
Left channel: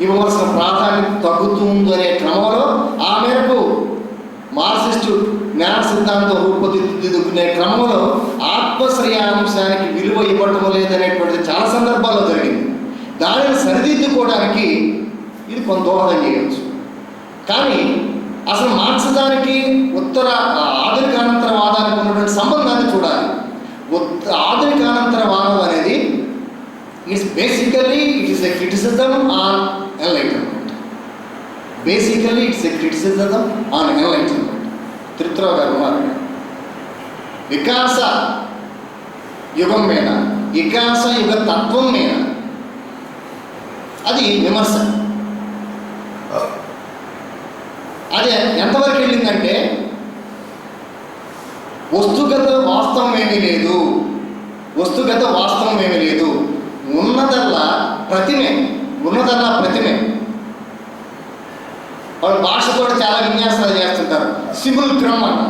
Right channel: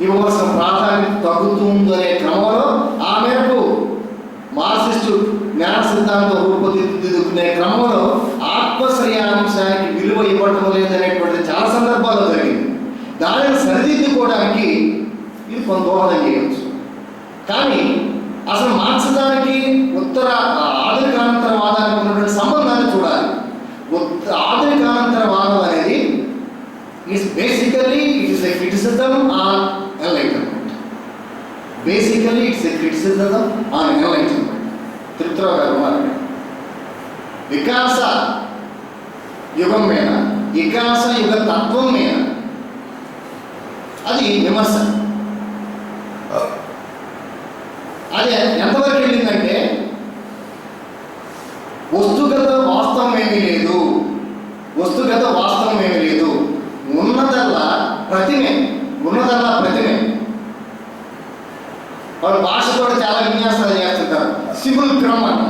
ఇవ్వవలసిన ప్రాధాన్యత తగ్గుతుంది అనే క్రమంలో ఆ మేరకు మార్క్సిస్టు జ్ఞాన సిద్ధాంతం రూపుదిద్దుకునే క్రమంలో ఆత్మశ్రయాంశానికి విలువ ఇవ్వటం లేదనేటువంటిది చాలా సందర్భాల్లో జరిగింది. దానిని సరిదిద్దుకోవడానికి ఇది కొంత దోహదం చేయవచ్చు. కానీ అసలు మార్క్సిజానికి ఆధునిక అనంతరవాదానికి ఉన్నటువంటి సంబంధాన్ని చూడాలి. ఆధునికానంతరవాదం అనేది it's basically it is a criticism on enlightenment. Basically it's a criticism on enlightenment. Tirupathirao గారు ఉన్నారు, వికాస యుగం మీద, వికాస యుగ తత్వం మీద అది విమర్శ. అది ఎంతవరకు వెళ్ళిందంటే వస్తుగత వాస్తవం ఏమీ లేదు, ఉన్నదల్లా ప్రతిమే. వాళ్ళు భాషతో చాలా విన్యాసాలు చేస్తుంటారు. సిముల్క్రమ్ అంట,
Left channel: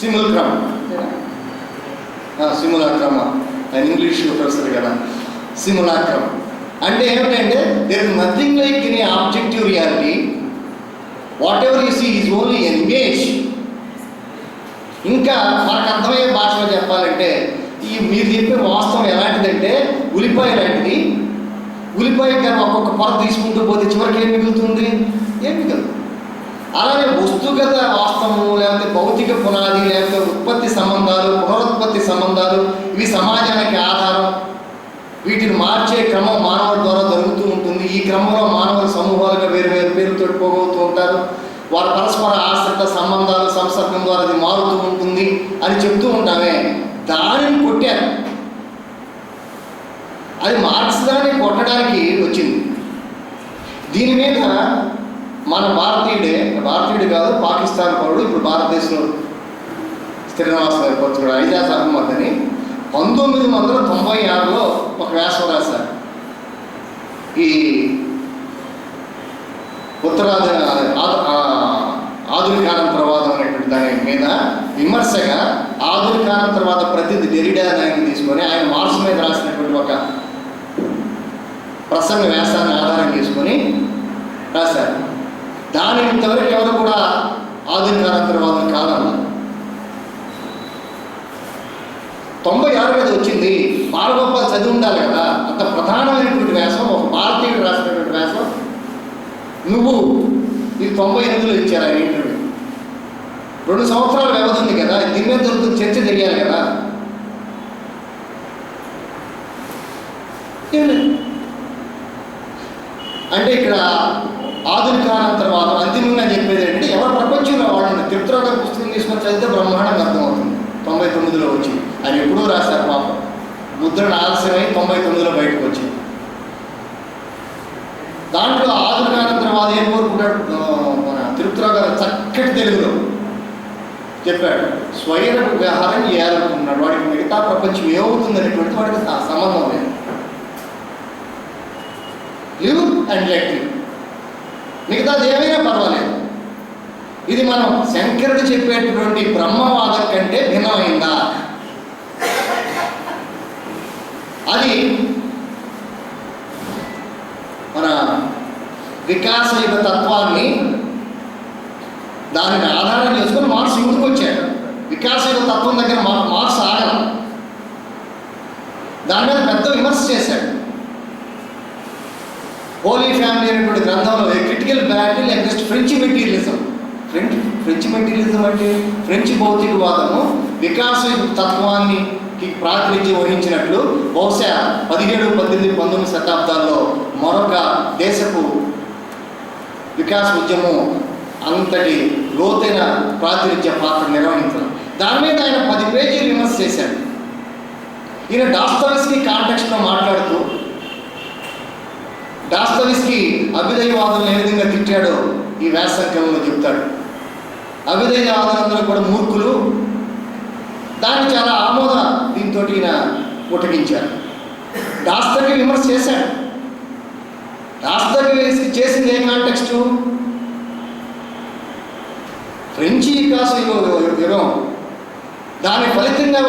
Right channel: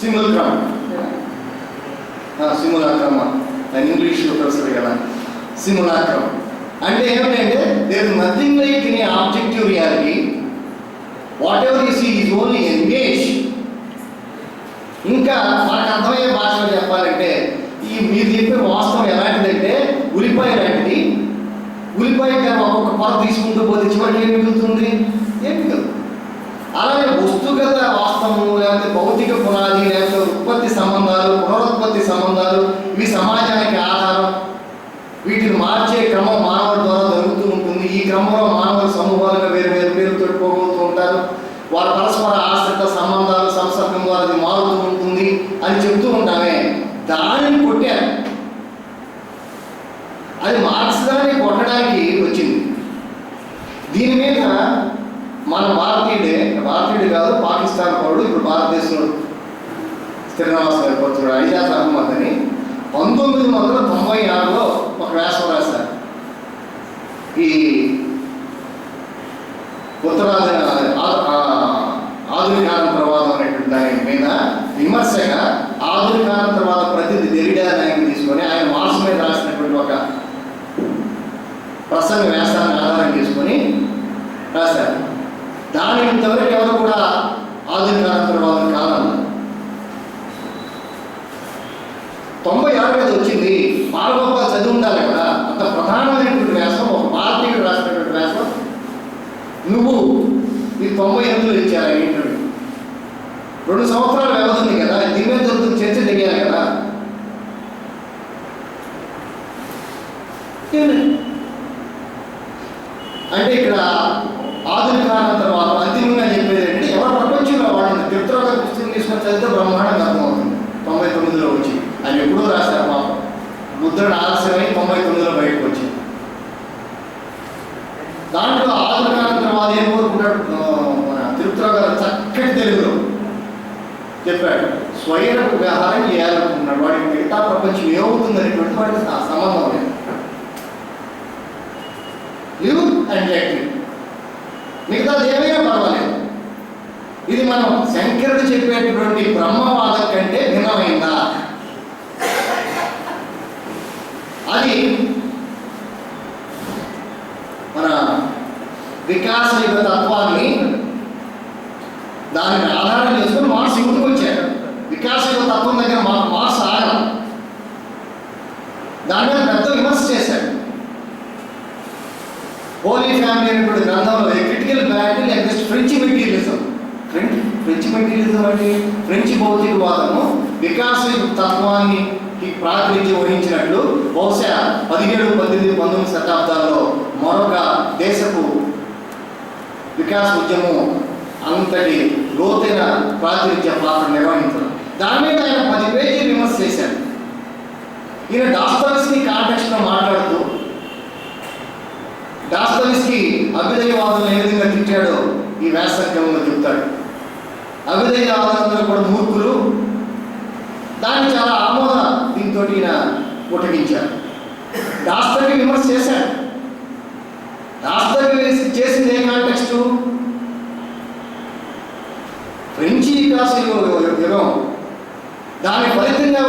సిముల్క్రమ్ ఆయన ఇంగ్లీష్ ప్రొఫెసర్ కదా. సిములాక్రమ్ అంటే ఏమిటంటే there is nothing like in objective reality, whatever you see is only an image. ఇంకా మనకు అర్థమయ్యే భాషలో చెప్పాలంటే మీరు చెప్పే వాస్తవం ఎలాంటిదంటే ఉల్లిపాయ లాంటిది. ఉల్లిపాయ ఒక్కొక్క పొర తీసుకుంటూ పోతే చివరికి ఏం మిగులుతుంది? ఏం మిగులుతుంది. అలాగే వస్తుగత వాస్తవము, లేకపోతే భౌతిక పునాది, లేకపోతే ఉత్పత్తి సంబంధాలు, పునరుత్పత్తి సంబంధాలు, ఇవి సమాజానికి ఆధారం. వీటిని మార్చే క్రమం మానవుడి ద్వారా జరుగుతూ ఉంటుంది. ఈ క్రమంలో మానవుల సమూహాలుగా వేరు పేరుతో పోగొతూ ఉంటారు. వారి పరస్పర ఆశ్రిత సంబంధాలు సంసర్గం ద్వారా అది మారుతూ ఉంటుంది. అని చెప్తూ ఉంటామే, దానిని కొట్టారు. అది మార్క్స్దాన్ని కొట్టడానికి వచ్చింది. దీని మీద మన భారతీయుడు కాదు, పాకిస్తాన్ పౌరుడు, ఇప్పుడు భారతదేశంలో స్థిర నివాసం ఏర్పరచుకున్నాడు, ఐజాజ్ అహ్మద్ అని 1996లో ఒక వ్యాసం రాశారు. ఈ ఆధునికానంతరవాదం అనేటువంటి దాని మీద విమర్శగా ఆధునికానంతరవాద ప్రతినిధి డెరిడా నాయకుని తీసుకొని ఆయన మార్క్స్ మీద రాసినటువంటి ఒక ప్రసంగ వ్యాసాన్ని ఆధారం చేసుకొని రాశారు. దాని ఇంతవరకు ఎవరు కూడా ఆధునికానంతరవాదం కాదన్నారు. 96 మీద వచ్చింది. బాలగోపాల్ చదివి ఉండాలి కదా, అంత ప్రధానమైనటువంటి వ్యాసం, ఒక భారతీయుడు రాసినటువంటి వ్యాసం. నువ్వు ఇది 98లో ఇచ్చారు ఆయన ఇంటర్వ్యూ. 2 సంవత్సరాల వ్యవధి ఉంది కదా, దీని మీద దొరుకుతుంది, చర్చ జరిగాలి కదా. అంటే ఇక్కడ ఆధునికానంతరవాదం అంతిమంగా చెప్పేది ఏంటంటే, ఎవరు ప్రపంచంలో వాడండి తిరుపతిరావు గారి పుస్తకం తీసుకొని చదివితే బ్రహ్మాండంగా అర్థమవుతుంది. 99లో వచ్చి ఆయన ఎప్పుడూ రాశారు పాపం, ముద్రణ ఆలస్యమై 99లో బయటకు వచ్చింది. దాంట్లో ఆధునికానంతరవాది ఏం కోరుకున్నాడు, మన తిరుపతిరావు గారు చక్కటి తెలుగులో చెప్పాడు, స్వైరపు వ్యవహారం చేయాలనుకుంటున్నాడు. వాడికి మిగతా ప్రపంచం ఏమవుతుంది అనేటువంటి వాడికి సంబంధం లేదు. లివ్ అండ్ లెట్, మిగతాది ఏమైనా పర్వాలేదు. ఇది మనం శంకరుడు చెప్పేటటువంటి బ్రహ్మవాదం కంటే భిన్నమైందా? అది మన వికాసయుగ తత్వాన్ని దానిని ఆధారం చేసుకొని మార్క్స్ ముందుకు వచ్చాడు. వికాసయుగ తత్వం దగ్గర మార్క్స్ ఆగల, దాని మీద పెద్ద విమర్శ చేశాడు. హోలీ ఫ్యామిలీ అనేటువంటి గ్రంథంలో critical battle against French materialism. French materialism అంటే ఫ్రెంచ్ భౌతికవాదము వికాసయుగ తత్వాన్ని ప్రాతినిధ్యం వహించినట్లు బహుశా 17, 18, 19 శతాబ్దాల్లో మరొక దేశపు వికాస ఉద్యమం అంతటి లోతైన ప్రాతినిధ్య పాత్ర నిర్వహించారు. దాని మీద ఆయన 10 పేజీలు విమర్శ చేశాడు. ఈయన డాస్తోయెవ్స్కీ కాంటెక్స్ట్లో మాట్లాడుతూ డాస్తోయెవ్స్కీ అభ్యుదయవాదులను ఏ విధంగా తిట్టాడో ఈ వ్యాసంగంలో చెప్తాడు. అభ్యుదయవాదులందరూ కూడా మూర్ఖులు, దాన్ని చాలా ఆమోద దీంతో ఈయన ఉటగించారు. డాస్తోయెవ్స్కీ విమర్శ చేశాడు. డాస్తోయెవ్స్కీ చేసింది ఏ కాంటెక్స్టు? ఫ్రెంచి వికాస యుగం, దాని ఫలితంగా